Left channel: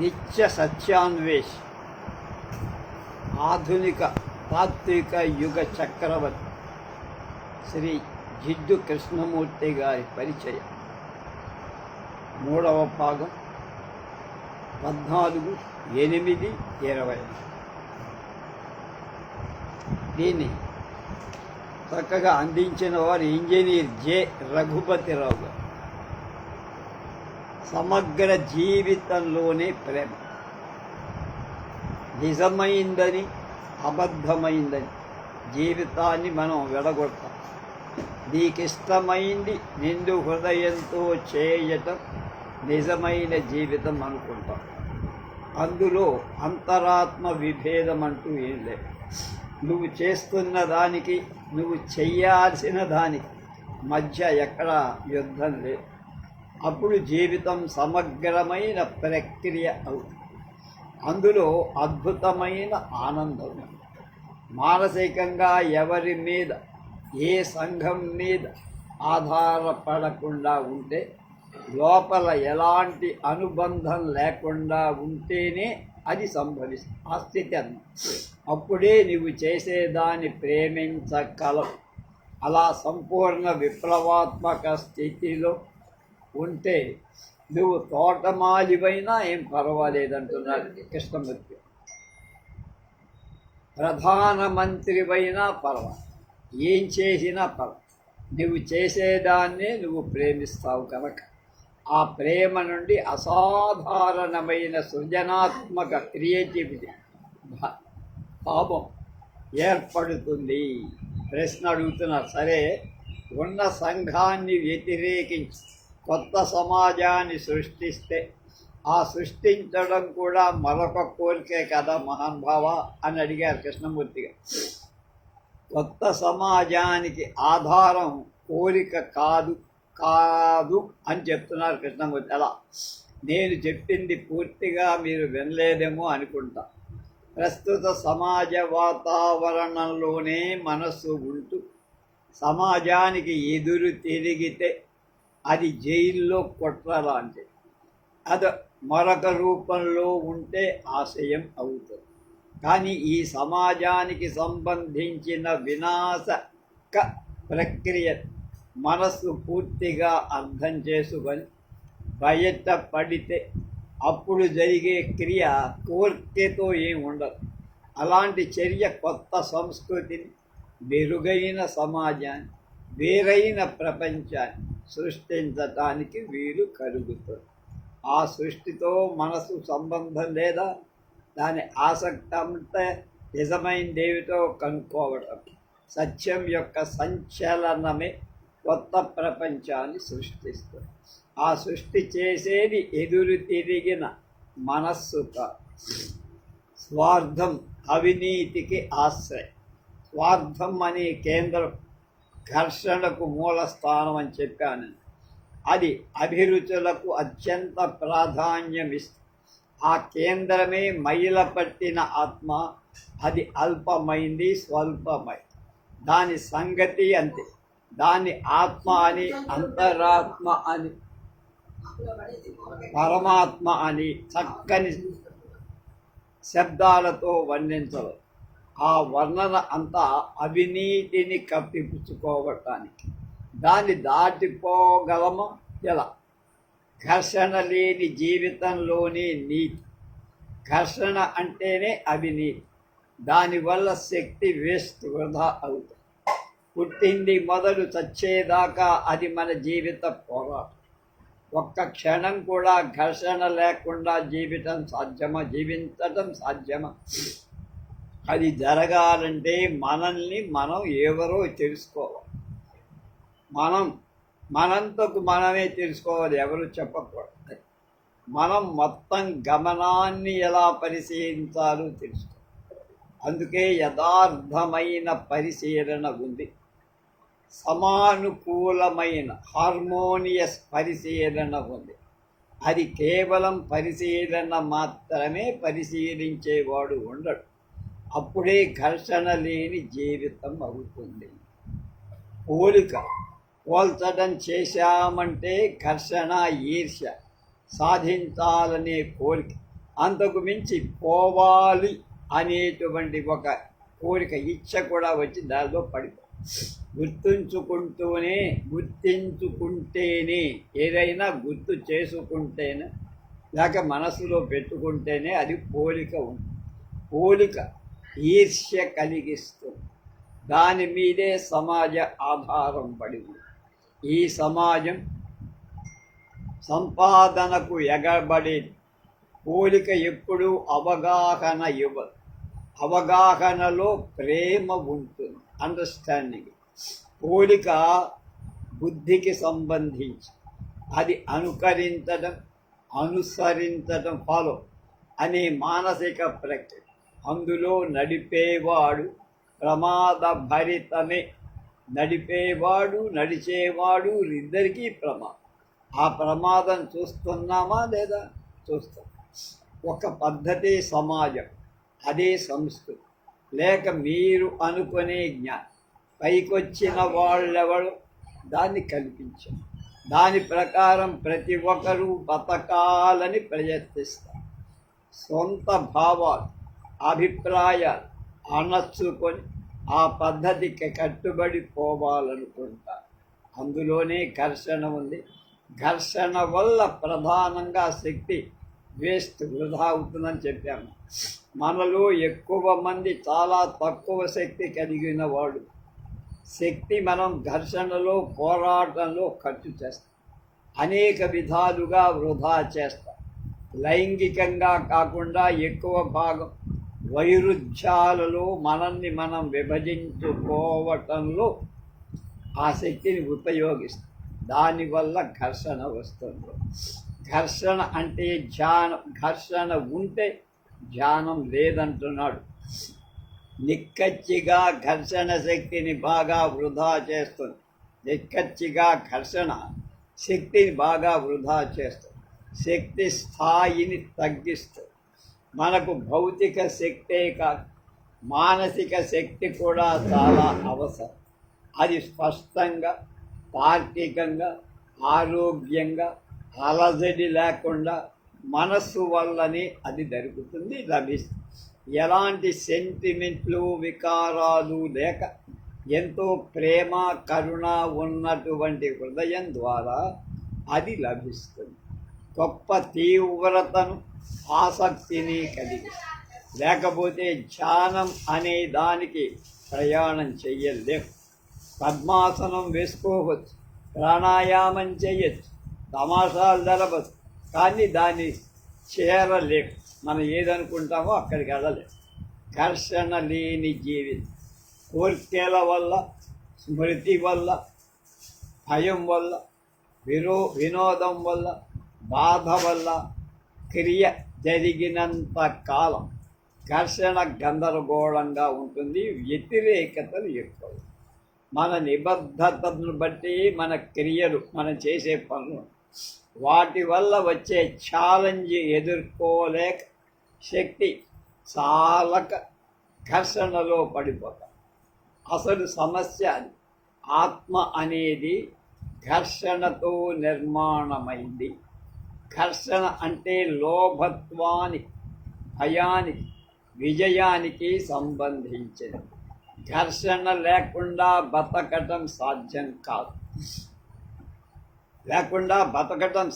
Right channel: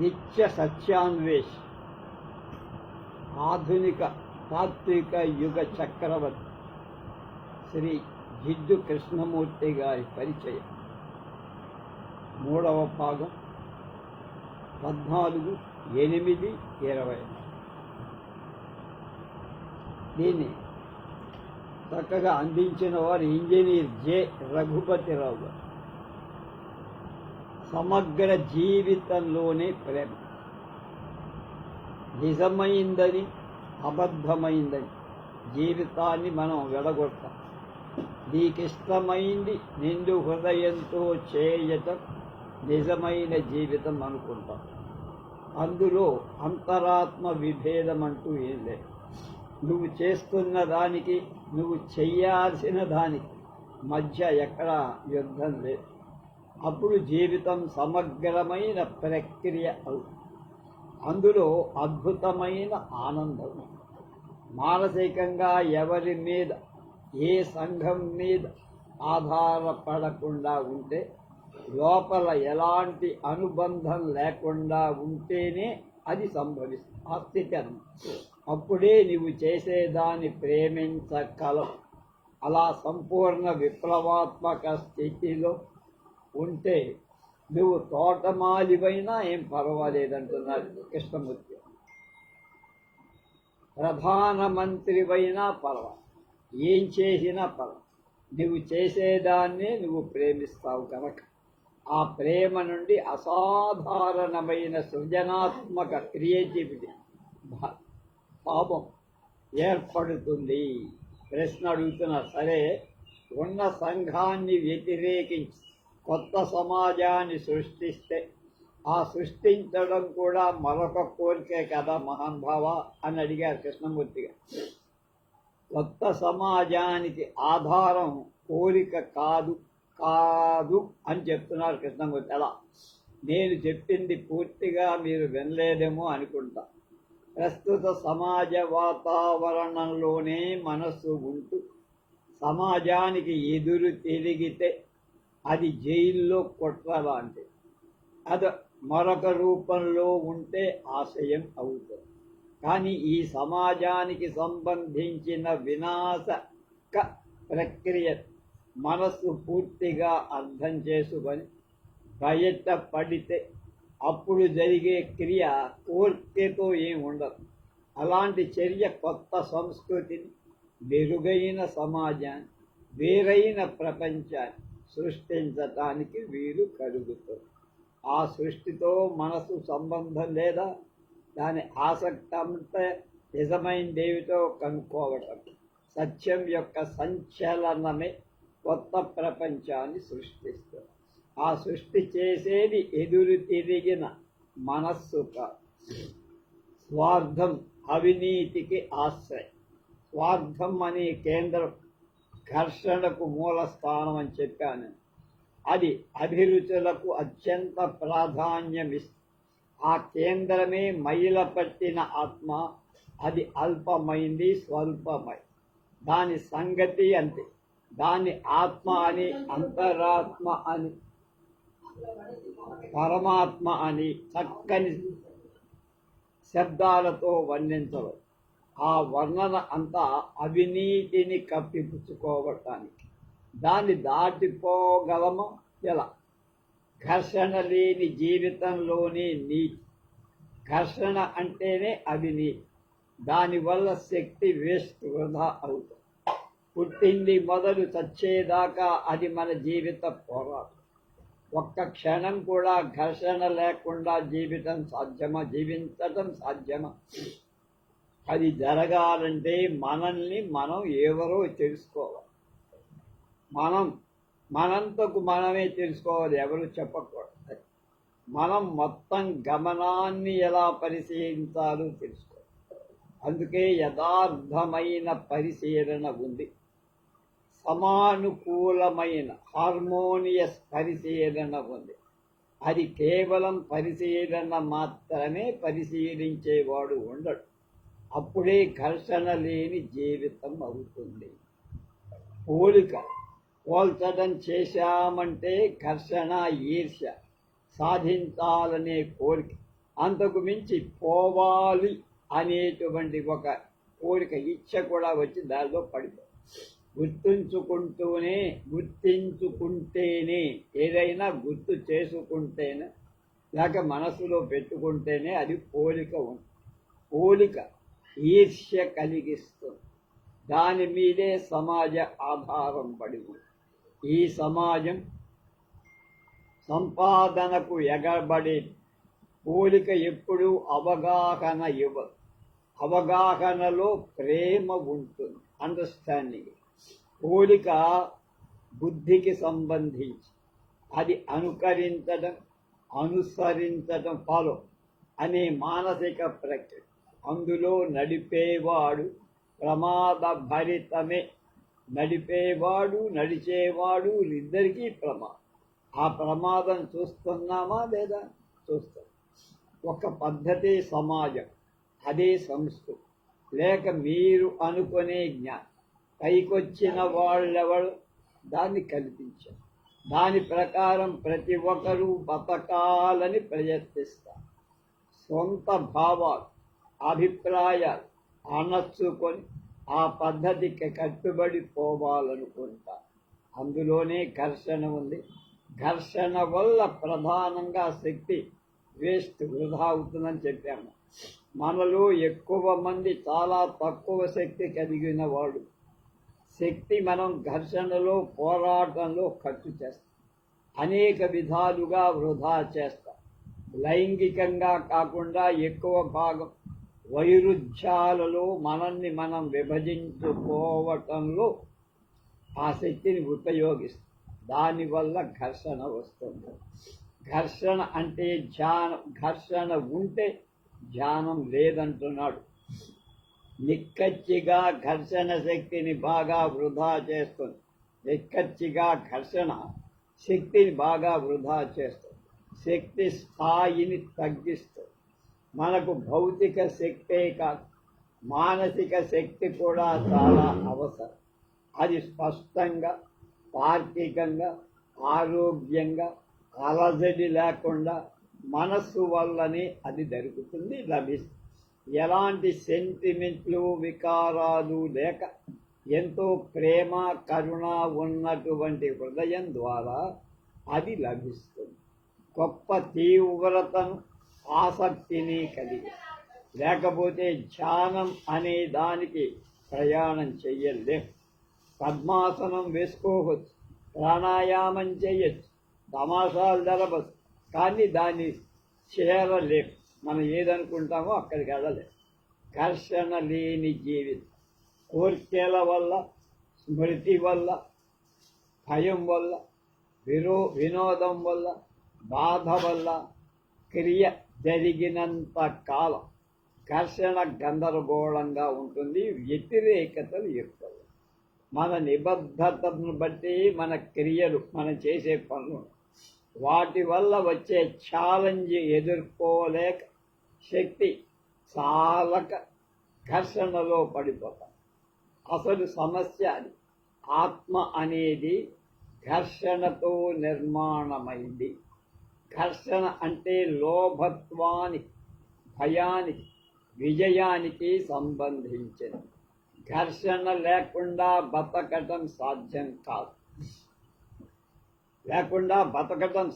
నిత్య సత్యాన్వేష్ ఆధునిక తాత్విక యుగ చక్రవర్తి శ్రీ జిడ్డు కృష్ణమూర్తి గారి పరిచయం. 3వ భాగం 14/8/20. దీన్ని చక్కగా అందించిన వారు ఇంజనీర్ జె రఘుపతిరావు గారు. సమగ్ర జీవితంలోనే ప్రేమ నిజమైందని అబద్ధమైందని జీవితాన్ని మనం విడగొడతాం. నీకిష్టమైంది నిండు హృదయంతో చేయటం నిజమైన జీవితం అనుకుంటాం. అందులో అంతరాత్మ విభేదం అంటూ ఏం లేదు. నువ్వు చేస్తున్న దానికి నువ్వు చెయ్యాల్సిన దానికి మధ్య ఎక్కడా యుద్ధం లేదు. అప్పుడు జీవితం సమగ్రమైన ప్రక్రియ అవుతుంది. అందులో అద్భుతమైన ఆనందం. మానసికంగా ఎవరి మీద ఏ సంఘం మీద ఆధారపడకుండా ఉంటే, లోపల ఎలాంటి అనుబంధం లేకుండా ఉంటేనే అది సంభవిస్తుంది. ఆ స్థితి అన్నమాట. అప్పుడే నువ్వు చేసేదాన్ని ప్రేమించగలవు. అలా సంపూర్ణ విప్లవాత్మక స్థితిలో ఉంటే నువ్వు తోటమాలివైనా ఏం పర్వాలేదంటున్నారు కృష్ణమూర్తి. ప్రధానమంత్రివైనా పర్వాలేదు, ఏం చేసినా పర్వాలేదు. నువ్వు చేసేదాన్నే నువ్వు ప్రేమిస్తావు కనుక ఆ ప్రేమ నుండి అసాధారణమైన సృజనాత్మక క్రియేటివిటీ భావం ఏర్పడుతుంది. ప్రశ్న అడుగుతున్నారు. సరే, ఉన్న సంఘాన్ని వ్యతిరేకించి కొత్త సమాజాన్ని సృష్టిస్తే ఆ సృష్టించడం కూడా మరొక కోరికే కదా మహానుభావ అని అడిగారు కృష్ణమూర్తి గారు. కొత్త సమాజానికి ఆధారం కోరిక కాదు కాదు అని చెప్తున్నారు కృష్ణమూర్తి. అలా నేను చెప్పింది పూర్తిగా మీరు వినలేదేమో అనుకుంటా. ప్రస్తుత సమాజ వాతావరణంలోనే మనస్సు ఉంటూ సమాజానికి ఎదురు తిరిగితే అది జైల్లో కుట్ర లాంటిది. అది మరొక రూపంలో ఉంటే ఆశయం అవుతుంది. కానీ ఈ సమాజానికి సంబంధించిన వినాశక ప్రక్రియ మనస్సు పూర్తిగా అర్థం చేసుకొని బయట పడితే అప్పుడు జరిగే క్రియ కోరికతో ఏమి ఉండదు. అలాంటి చర్య కొత్త సంస్కృతిని, మెరుగైన సమాజాన్ని, వేరైన ప్రపంచాన్ని సృష్టించటానికి వీలు కలుగుతుంది. ఆ సృష్టితో మనసు సంబంధం లేదా, దాని ఆసక్తి అంతా నిజమైనదేమిటో కనుక్కోవటం. సత్యం యొక్క సంచలనమే కొత్త ప్రపంచాన్ని సృష్టిస్తుంది. ఆ సృష్టి చేసేది ఎదురు తిరిగిన మనస్సు కాదు. స్వార్థం అవినీతికి ఆశ్రయం. స్వార్థం అనే కేంద్రం ఘర్షణకు మూల స్థానం అని చెప్పాను. అది అభిరుచులకు అత్యంత ప్రాధాన్యమిస్తుంది. ఆ కేంద్రమే మైల పట్టిన ఆత్మ. అది అల్పమైంది, స్వల్పమైంది. దాని సంగతి అంతే. దాన్ని ఆత్మ అని, అంతరాత్మ అని, పరమాత్మ అని చక్కని శబ్దాలతో వర్ణించవచ్చు. ఆ వర్ణన అంతా అవినీతిని కప్పిపుచ్చుకోవటానికి. దాన్ని దాటిపోగలము ఎలా? ఘర్షణ లేని జీవితంలోనే నీతి. ఘర్షణ అంటేనే అవినీతి. దానివల్ల శక్తి వేస్ట్, వృధా అవుతుంది. పుట్టింది మొదలు చచ్చేదాకా అది మన జీవిత పోరాటం. ఒక్క క్షణం కూడా ఘర్షణ లేకుండా జీవించటం సాధ్యమా? అది జరగాలంటే మనల్ని మనం ఎవరో తెలుసుకోవాలి. మనంతకు మనమే తెలుసుకోవాలి, ఎవరు చెప్పకూడదు. మనం మొత్తం గమనాన్ని ఎలా పరిశీలించాలో తెలుసుకోవాలి. అందుకే యథార్థమైన పరిశీలన ఉంది. సమానుకూలమైన హార్మోనియస్ పరిశీలన ఉంది. అది కేవలం పరిశీలన మాత్రమే. పరిశీలించేవాడు ఉండడు. అప్పుడే ఘర్షణ లేని జీవితం అవుతుంది. పోల్చడం చేశామంటే ఘర్షణ, ఈర్ష్య, సాధించాలనే కోరిక, అంతకు మించి పోవాలి అనేటువంటి ఒక కోరిక ఇచ్చ కూడా వచ్చి దానిలో పడిపో గుర్తించుకుంటేనే ఏదైనా గుర్తు చేసుకుంటేనే లేక మనసులో పెట్టుకుంటేనే అది పోలిక ఉంటుంది. పోలిక ఈర్ష్య కలిగిస్తుంది. దాని మీదే సమాజ ఆధారం పడి ఉంది. ఈ సమాజం సంపాదనకు ఎగబడి పోలిక ఎప్పుడూ అవగాహన ఇవ్వదు. అవగాహనలో ప్రేమ ఉంటుంది, అండర్స్టాండింగ్. పోలిక బుద్ధికి సంబంధించి అది అనుసరించడం ఫాలో అనే మానసిక ప్రక్రియ. అందులో నడిపేవాడు ప్రమాదభరితమే. నడిచేవాడు ఇద్దరికీ ప్రమాదం. ఆ ప్రమాదం చూస్తున్నామా లేదా? చూస్తాం. ఒక పద్ధతి సమాజం, అదే సంస్కృతి. లేక మీరు అనుకునే జ్ఞానం పైకొచ్చిన వాళ్ళెవరు దాన్ని కల్పించారు. దాని ప్రకారం ప్రతి ఒక్కరూ బతకాలని ప్రయత్నిస్తారు. సొంత భావాలు, అభిప్రాయాలు అణచుకొని ఆ పద్ధతికి కట్టుబడి పోవాలనుకుంటారు. అందులోనే ఘర్షణ ఉంది. ఘర్షణ వల్ల ప్రధానంగా శక్తి వృధా అవుతుందని చెప్పాము. మనలో ఎక్కువ మంది చాలా తక్కువ శక్తి కలిగిన వాడు. శక్తి మనం ఘర్షణలో, పోరాటంలో ఖర్చు చేస్తాం. అనేక విధాలుగా వృధా చేస్తాం. లైంగికంగా కాకుండా ఎక్కువ భాగం వైరుధ్యాలలో మనల్ని మనం విభజించుకోవటంలో ఆ శక్తిని ఉపయోగిస్తాం. దానివల్ల ఘర్షణ వస్తుంది. ఘర్షణ అంటే ధ్యానం. ఘర్షణ ఉంటే ధ్యానం లేదంటున్నాడు. నిక్కచ్చిగా ఘర్షణ శక్తిని బాగా వృధా చేస్తుంది. నిక్కచ్చిగా ఘర్షణ శక్తిని బాగా వృధా చేస్తుంది. శక్తి స్థాయిని తగ్గిస్తుంది. మనకు భౌతిక శక్తే కాదు, మానసిక శక్తి కూడా చాలా అవసరం. అది స్పష్టంగా, తార్కికంగా, ఆరోగ్యంగా, అలజడి లేకుండా మనస్సు వల్లనే అది జరుగుతుంది, లభిస్తుంది. ఎలాంటి సెంటిమెంట్లు, వికారాలు లేక ఎంతో ప్రేమ, కరుణ ఉన్నటువంటి హృదయం ద్వారా అది లభిస్తుంది. గొప్ప తీవ్రతను, ఆసక్తిని కలిగి. లేకపోతే ధ్యానం అనే దానికి ప్రయాణం చెయ్యలేము. పద్మాసనం వేసుకోవచ్చు, ప్రాణాయామం చేయొచ్చు, తమాషాలు జరగవచ్చు, కానీ దాన్ని చేరలేము. మనం ఏదనుకుంటామో అక్కడికి వెళ్ళలేము. ఘర్షణ లేని జీవితం. కోర్కెల వల్ల, స్మృతి వల్ల, భయం వల్ల, వినోదం వల్ల, బాధ వల్ల క్రియ జరిగినంత కాలం ఘర్షణ గందరగోళంగా ఉంటుంది. వ్యతిరేకతలు ఎక్కువ. మన నిబద్ధతను బట్టి మన క్రియలు, మనం చేసే పనులు, వాటి వల్ల వచ్చే ఛాలెంజ్ ఎదుర్కోలేక శక్తి చాలక ఘర్షణలో పడిపోతాం. అసలు సమస్య అది. ఆత్మ అనేది ఘర్షణతో నిర్మాణమైంది. ఘర్షణ అంటే లోభత్వానికి, భయానికి, విజయానికి సంబంధించింది. ఘర్షణ లేకుండా బతకటం సాధ్యం కాదు.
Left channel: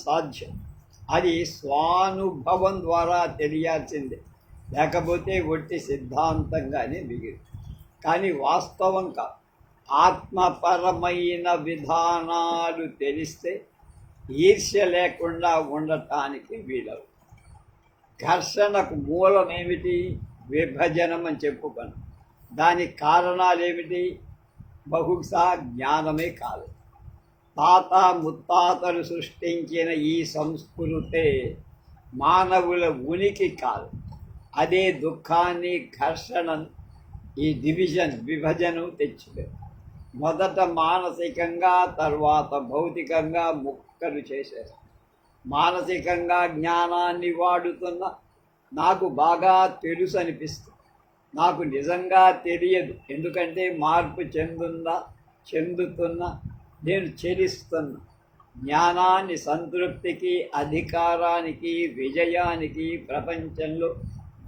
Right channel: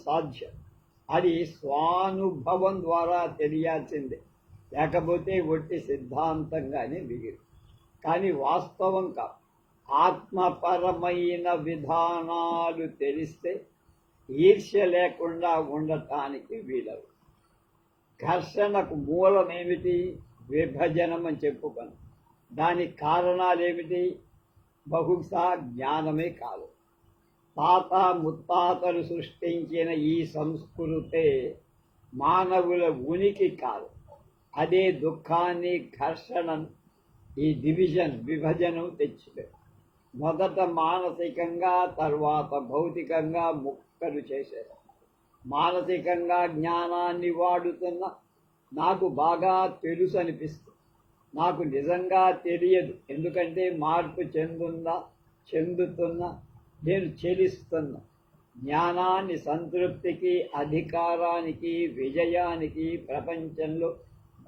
సాధ్యం. అది స్వానుభవం ద్వారా తెలియాల్సిందే. లేకపోతే ఒట్టి సిద్ధాంతంగానే మిగిలి. కానీ వాస్తవం కాదు. ఆత్మపరమైన విధానాలు తెలిస్తే ఈర్ష్య లేకుండా ఉండటానికి వీలవు. ఘర్షణకు మూలం ఏమిటి? విభజనం అని చెప్పుకున్నాం. దానికి కారణాలు ఏమిటి? బహుశా జ్ఞానమే కాదు. తాత ముత్తాతలు సృష్టించిన ఈ సంస్కృతే మానవుల ఉనికి కాదు. అదే దుఃఖాన్ని, ఘర్షణను, ఈ విభజనం తెచ్చిపోయి మొదట మానసికంగా, తర్వాత భౌతికంగా ముక్కలు చేశారు. మానసికంగా జ్ఞానాన్ని వాడుతున్న నాకు బాగా తెలుసు అనిపిస్తుంది. నాకు నిజంగా తెలియదు. ఎందుకంటే మార్పు చెందుతున్నా, నేను చెలిస్తున్నా. జ్ఞానాన్ని, సంతృప్తికి, అధికారానికి, విజయానికి, ప్రపంచంలో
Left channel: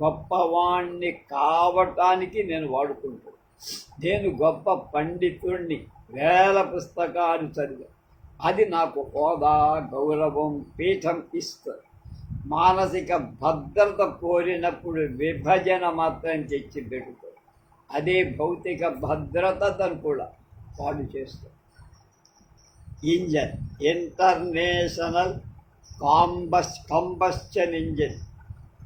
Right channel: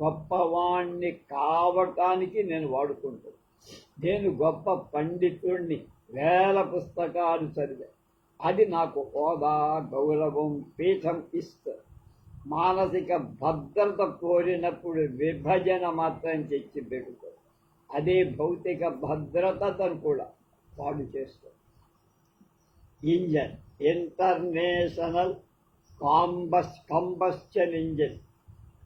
గొప్పవాణ్ణి కావటానికి నేను వాడుకుంటాను. నేను గొప్ప పండితుణ్ణి, వేల పుస్తకాలు చదివా. అది నాకు హోదా, గౌరవం, పీఠం ఇస్తుంది. మానసిక భద్రత కోరినప్పుడు విభజన మాత్రం తెచ్చి పెడుతుంది. అదే భౌతిక భద్రతను కూడా పాడు చేస్తుంది. ఇంజన్, ఇంటర్నేషనల్ కంబస్షన్ ఇంజిన్,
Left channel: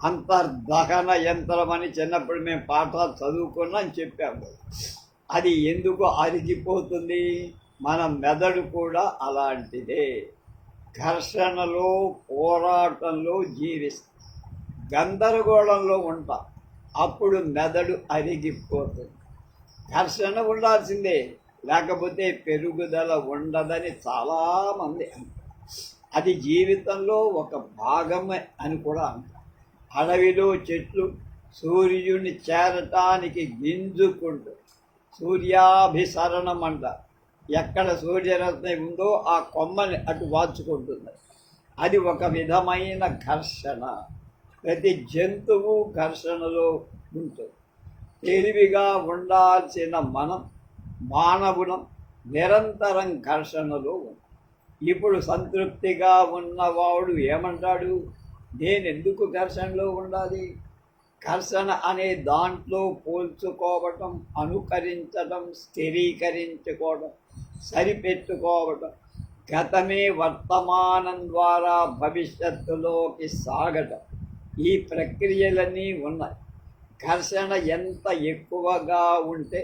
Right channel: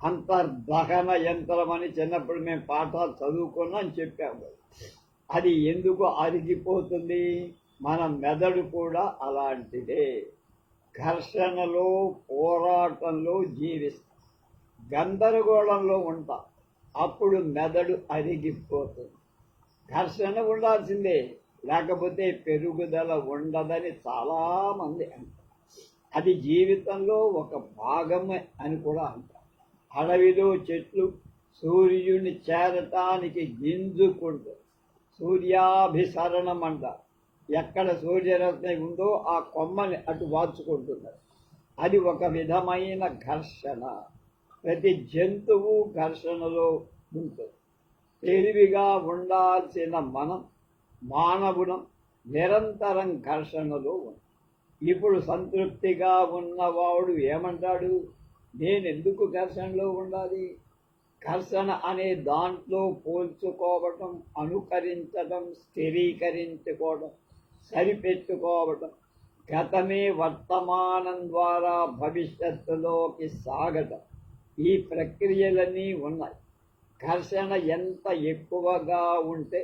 అంతర్దహన యంత్రం అని చిన్నప్పుడు మేము పాఠాలు చదువుకున్నాం చెప్పాము. అది ఎందుకు అరిగిపోతుంది? మన మెదడు కూడా అలాంటిదే. ఘర్షణలో, పోరాటంలో జీవిస్తాం, గందరగోళంలో ఉంటాం. అప్పుడు మెదడు అరిగిపోతుంది. ఘర్షణ ఉండాల్సిందే, లేకపోతే పెరుగుదల ఉండదని చాలామంది అంటారు. అది జీవితంలో ఒక భాగమే అని కూడా అంటారు. అడవిలో చెట్లు సూర్యుడిని చేరటానికి గింజుకుంటూ సూర్యాభిసరణం అంటారు. ఎక్కడ సూర్యరశ్మి ఉందో ఆ కొమ్మని అటు వాచుకుంటున్నారు. అది ఒక విధమైన ఘర్షణ. ప్రతి జంతువు ఘర్షణలో ఉంటుంది. తెలివిగా ఉండాల్సిన మానవులం నిరంతరం ఘర్షణలో ఉంది. ఇప్పుడు సంతృప్తిగా ఉన్నవాడు ఏమంటాడు? నేను ఎందుకు ఘర్షణలో ఉండాలి? ఘర్షణ అనే దాంట్లో పోల్చుకోవటం, అనుకరించడం, స్థిరీకరించుకోవడం, సరిపెట్టుకోవడం, గతమే వర్తమానం ద్వారా భవిష్యత్తులోకి సాగటం, ఈ ప్రక్రియలన్నీ ఉన్నాయి. ఘర్షణ ఎంత ఎక్కువగా ఉంటే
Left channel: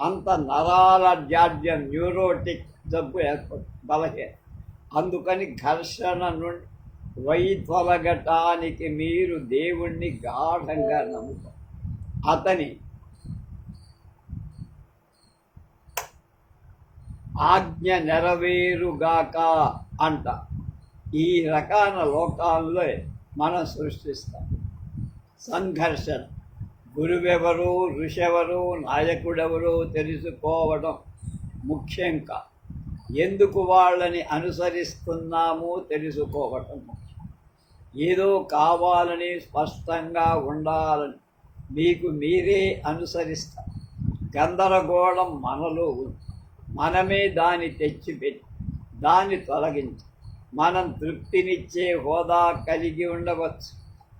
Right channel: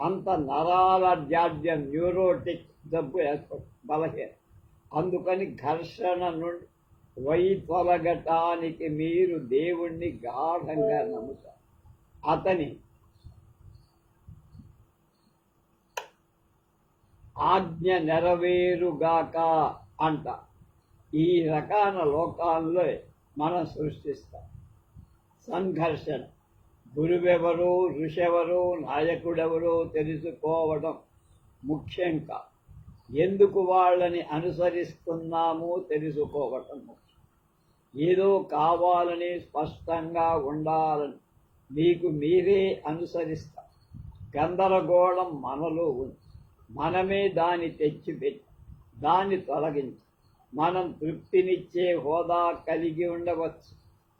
అంత నరాల జాడ్యం, న్యూరోటిక్ జబ్బు ఏర్పడుతుంది, బలహీన. అందుకని ఘర్షణ నుండి వైతొలగటానికి మీరు దేవుణ్ణి గాఢంగా నమ్ముతారు. అతని ఆజ్ఞ నెరవేరుగాక అంట. ఈ రకాల లోకాల్లో మనం సృష్టిస్తాం సంఘర్షణ. గురువెవరో, ఋషెవరో, నాయకుడెవరో తెలుసుకోవడం ముఖ్యం కాదు. ఎందుకు వాళ్ళని అనుసరిస్తున్నామో తెలుసుకోవటం ముఖ్యం. ఏదో కావాలని, స్పష్టంగా ఉండాలని మీకు మీరే అనుసరిస్తారు. గందరగోళం మనలో ఉంది. మనమే దాన్ని తెచ్చిపెట్టి దాన్ని తొలగించి మనం తృప్తినిచ్చే హోదా కలిగి ఉండవచ్చు,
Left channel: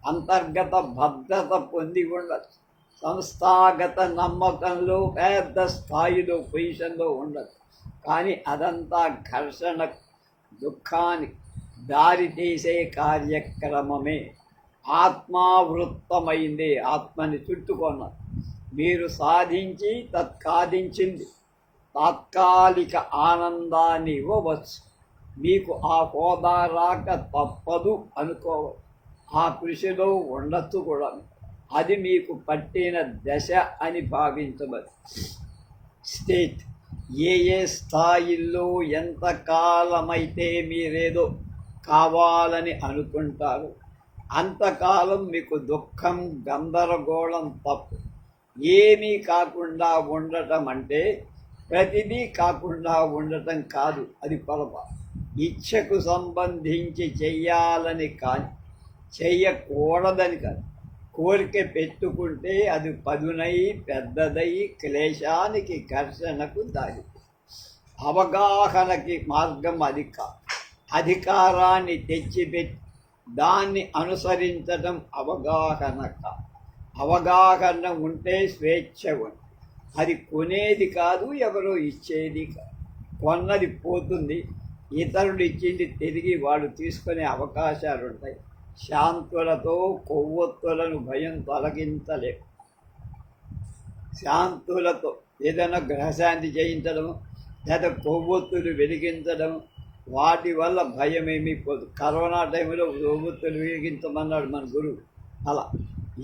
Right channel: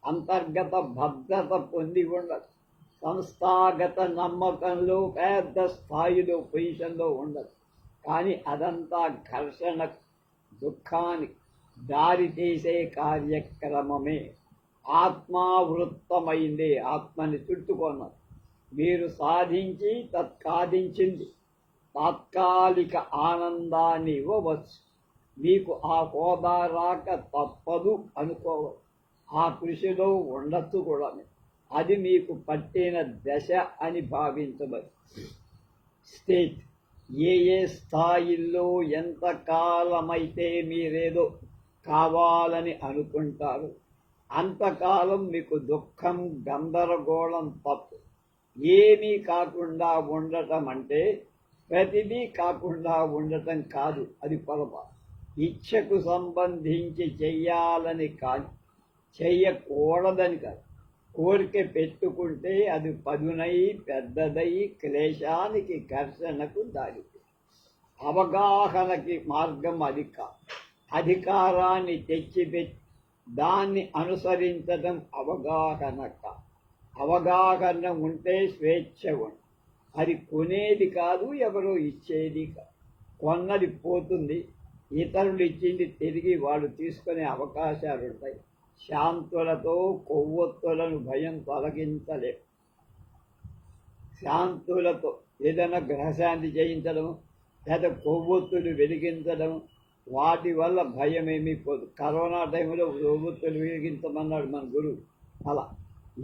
అంతర్గత భద్రత పొంది ఉండవచ్చు, సంస్థాగత నమ్మకంలో పెద్ద స్థాయిలో పొజిషన్లో ఉండదు. కానీ అదంతా ఘర్షణ, దుఃఖానికి దారితీసే కార్యక్రమమే. ఆత్మావృత్తమైందే, ఆత్మని చుట్టుకున్నారు. మీరు సాధించి తత్కాదించింది తాత్కాలిక ఆనందాన్ని ఇవ్వవచ్చు. మీకు ఆ హోదా రాక తప్పదు అనుకోవచ్చు. ఆ కృషిలో ఉండొచ్చు కూడా. అది మీకు పట్టిన దశ అని భావించవచ్చు. స్టేట్ ఏ ఏ స్థాయిల్లో ఎంతకాలమైతే మీరేదో కావాలని అనుకుంటారు అంతకాలం మీకు దుఃఖం, గందరగోళం తప్పు. ఏమీ కాకుండా ఉండటం అంటే ప్రతిదీ కాకుండా ఉండటం కాదు, అది పొరపాటు. ఇచ్ఛకు సంబంధించి చెయ్యాలని కానీ చెయ్యకూడదని కాదు. కోరిక పెట్టుకుంటే అది పదునై పెద్దదై క్లేశానికి, ఘర్షణకు దారి. అవగాహనకి మార్గం అది కాదు. అధికారాన్ని తెచ్చిపెట్టి దాన్ని అనుసరించడం అవగాహన కాదు. అవగాహన ఉంటే స్వేచ్ఛ ఉంది. అది కొనేది కాదు, ఎవరో ఇచ్చేది కాదు. కొన్నది పోతుంది, ఇతరులు ఇచ్చింది తిరిగి వాళ్ళు తీసుకునే అవకాశాలు ఉంటాయి. శాంతులతో కొవ్వొత్తులను భయం తొలగించలేము. శాంతులతో ఏదైనా గ్రహశాంతి చేయించడం లేదా కొవ్వొత్తులు వెలిగించడం, వాటి వల్ల భయం ఏమీ పోదు. కరోనా టైంలో కొవ్వొత్తులు వెలిగించమన్నాడు మన గురువు. అలా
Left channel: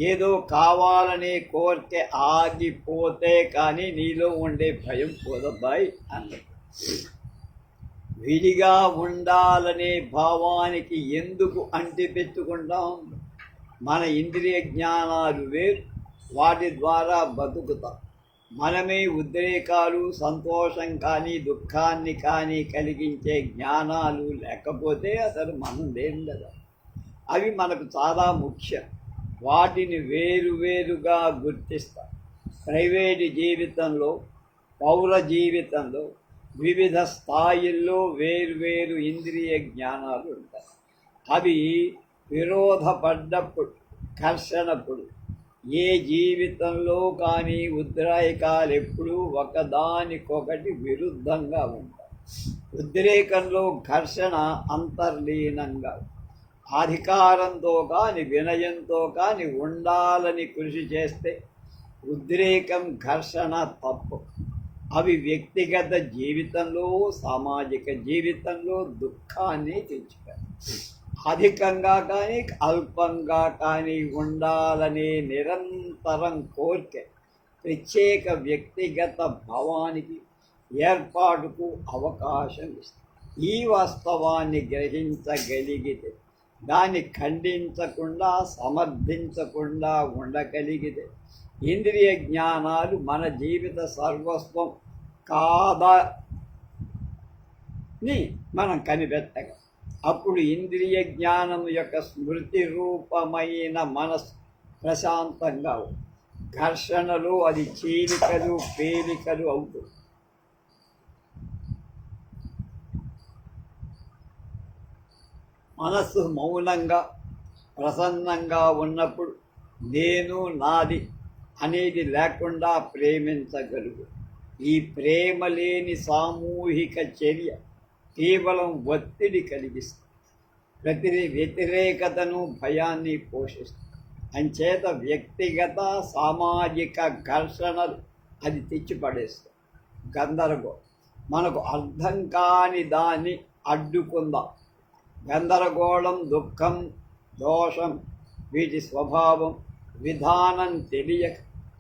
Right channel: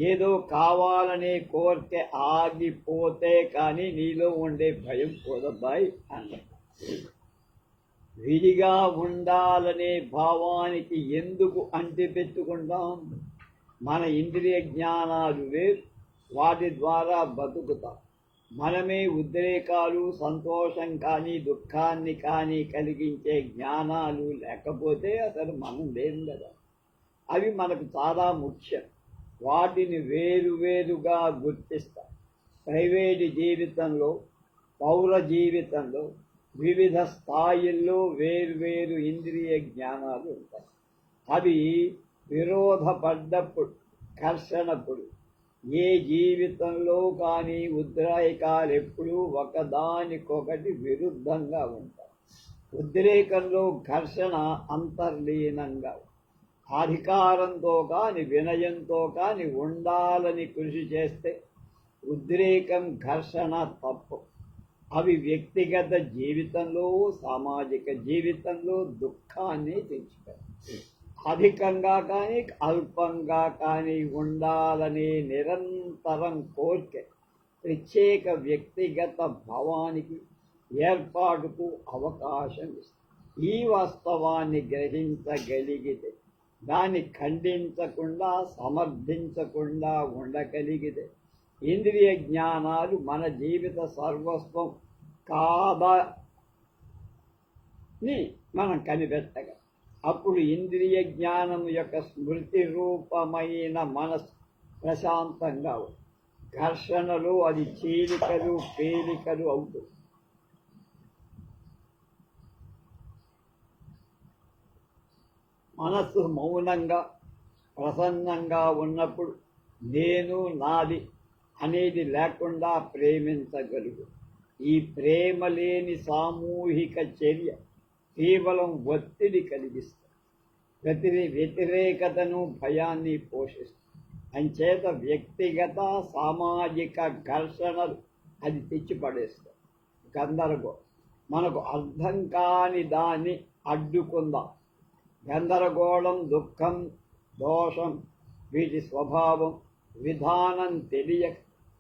ఏదో కావాలనే కోరిక ఆగిపోతే కానీ నీలో ఉండే భయం పోదబ్బాయి అన్నట్టు. విడిగా ఉండాలనే భావానికి ఎందుకు అంటిపెట్టుకుంటాం? మన ఇంద్రియ జ్ఞానాలు వేరు, వాటి ద్వారా బతుకుతాం. మనమే ఉద్రేకాలు, సంతోషం కానీ దుఃఖాన్ని కానీ కలిగించే జ్ఞానాలు లేకపోతే అసలు మనం లేం కదా. అవి మనకు చాలా ముఖ్యం. వాటిని వేరువేరుగా గుర్తిస్తాం. ప్రైవేటు జీవితంలో, పౌర జీవితంలో వివిధ స్థాయిల్లో వేరువేరు ఇంద్రియ జ్ఞానాలు ఉంటాయి. అవి విరోధపడ్డప్పుడు, ఘర్షణప్పుడు ఏ జీవితంలో కానీ ఉద్రేకాలు ఎప్పుడూ ఒకదానికొకటి విరుద్ధంగా ఉంటాయి. ఉద్రేకంలో ఘర్షణ అంతర్లీనంగా, అధికారంతో కానీ వినయంతో కానీ ఉండాలని కృషి చేస్తే ఉద్రేకం, ఘర్షణ తప్పు. అవి వ్యక్తిగత జీవితంలో, సామాజిక జీవితంలో దుఃఖాన్ని తెచ్చుతాయి. అధికంగా కానీ అల్పంగా కానీ ఉండాలనే నిరంతరం కోరిక ప్రత్యేక వ్యక్తిగత భావానికి, ఏర్పాటుకు అవకాశం ఇస్తుంది. ఈ వాస్తవాన్ని గ్రహించగలిగితే, దాన్ని ఖండించకుండా సమర్థించకుండా ఉండగలిగితే ఇంద్రియ జ్ఞానాలు మన జీవిత సర్వస్వం కాదని మనం కనిపెట్టగలం. అప్పుడు ఇంద్రియ జ్ఞానం యొక్క స్మృతి రూపమైన మనసు ప్రశాంతంగా ఘర్షణలు అది చీలికలు పేలికలు అవుతుంది. మనస్సు మౌనంగా ప్రసన్నంగా ఉన్నప్పుడు నేను నాది అనేది లేకుండా ప్రేమించగలుగు. ఈ ప్రేమ లేని సామూహిక చర్య కేవలం ఒత్తిడి కలిగిస్తుంది, వ్యతిరేకతను, భయాన్ని పోషిస్తుంది. అంచేత వ్యక్తిగత సామాజిక ఘర్షణలు అది తెచ్చిపడేస్తుంది. గందరగోళం మనకు అర్థం కాని దాన్ని అడ్డుకుందాం. గందరగోళం, దుఃఖం, దోషం, వీటి స్వభావం, విధానం తెలియక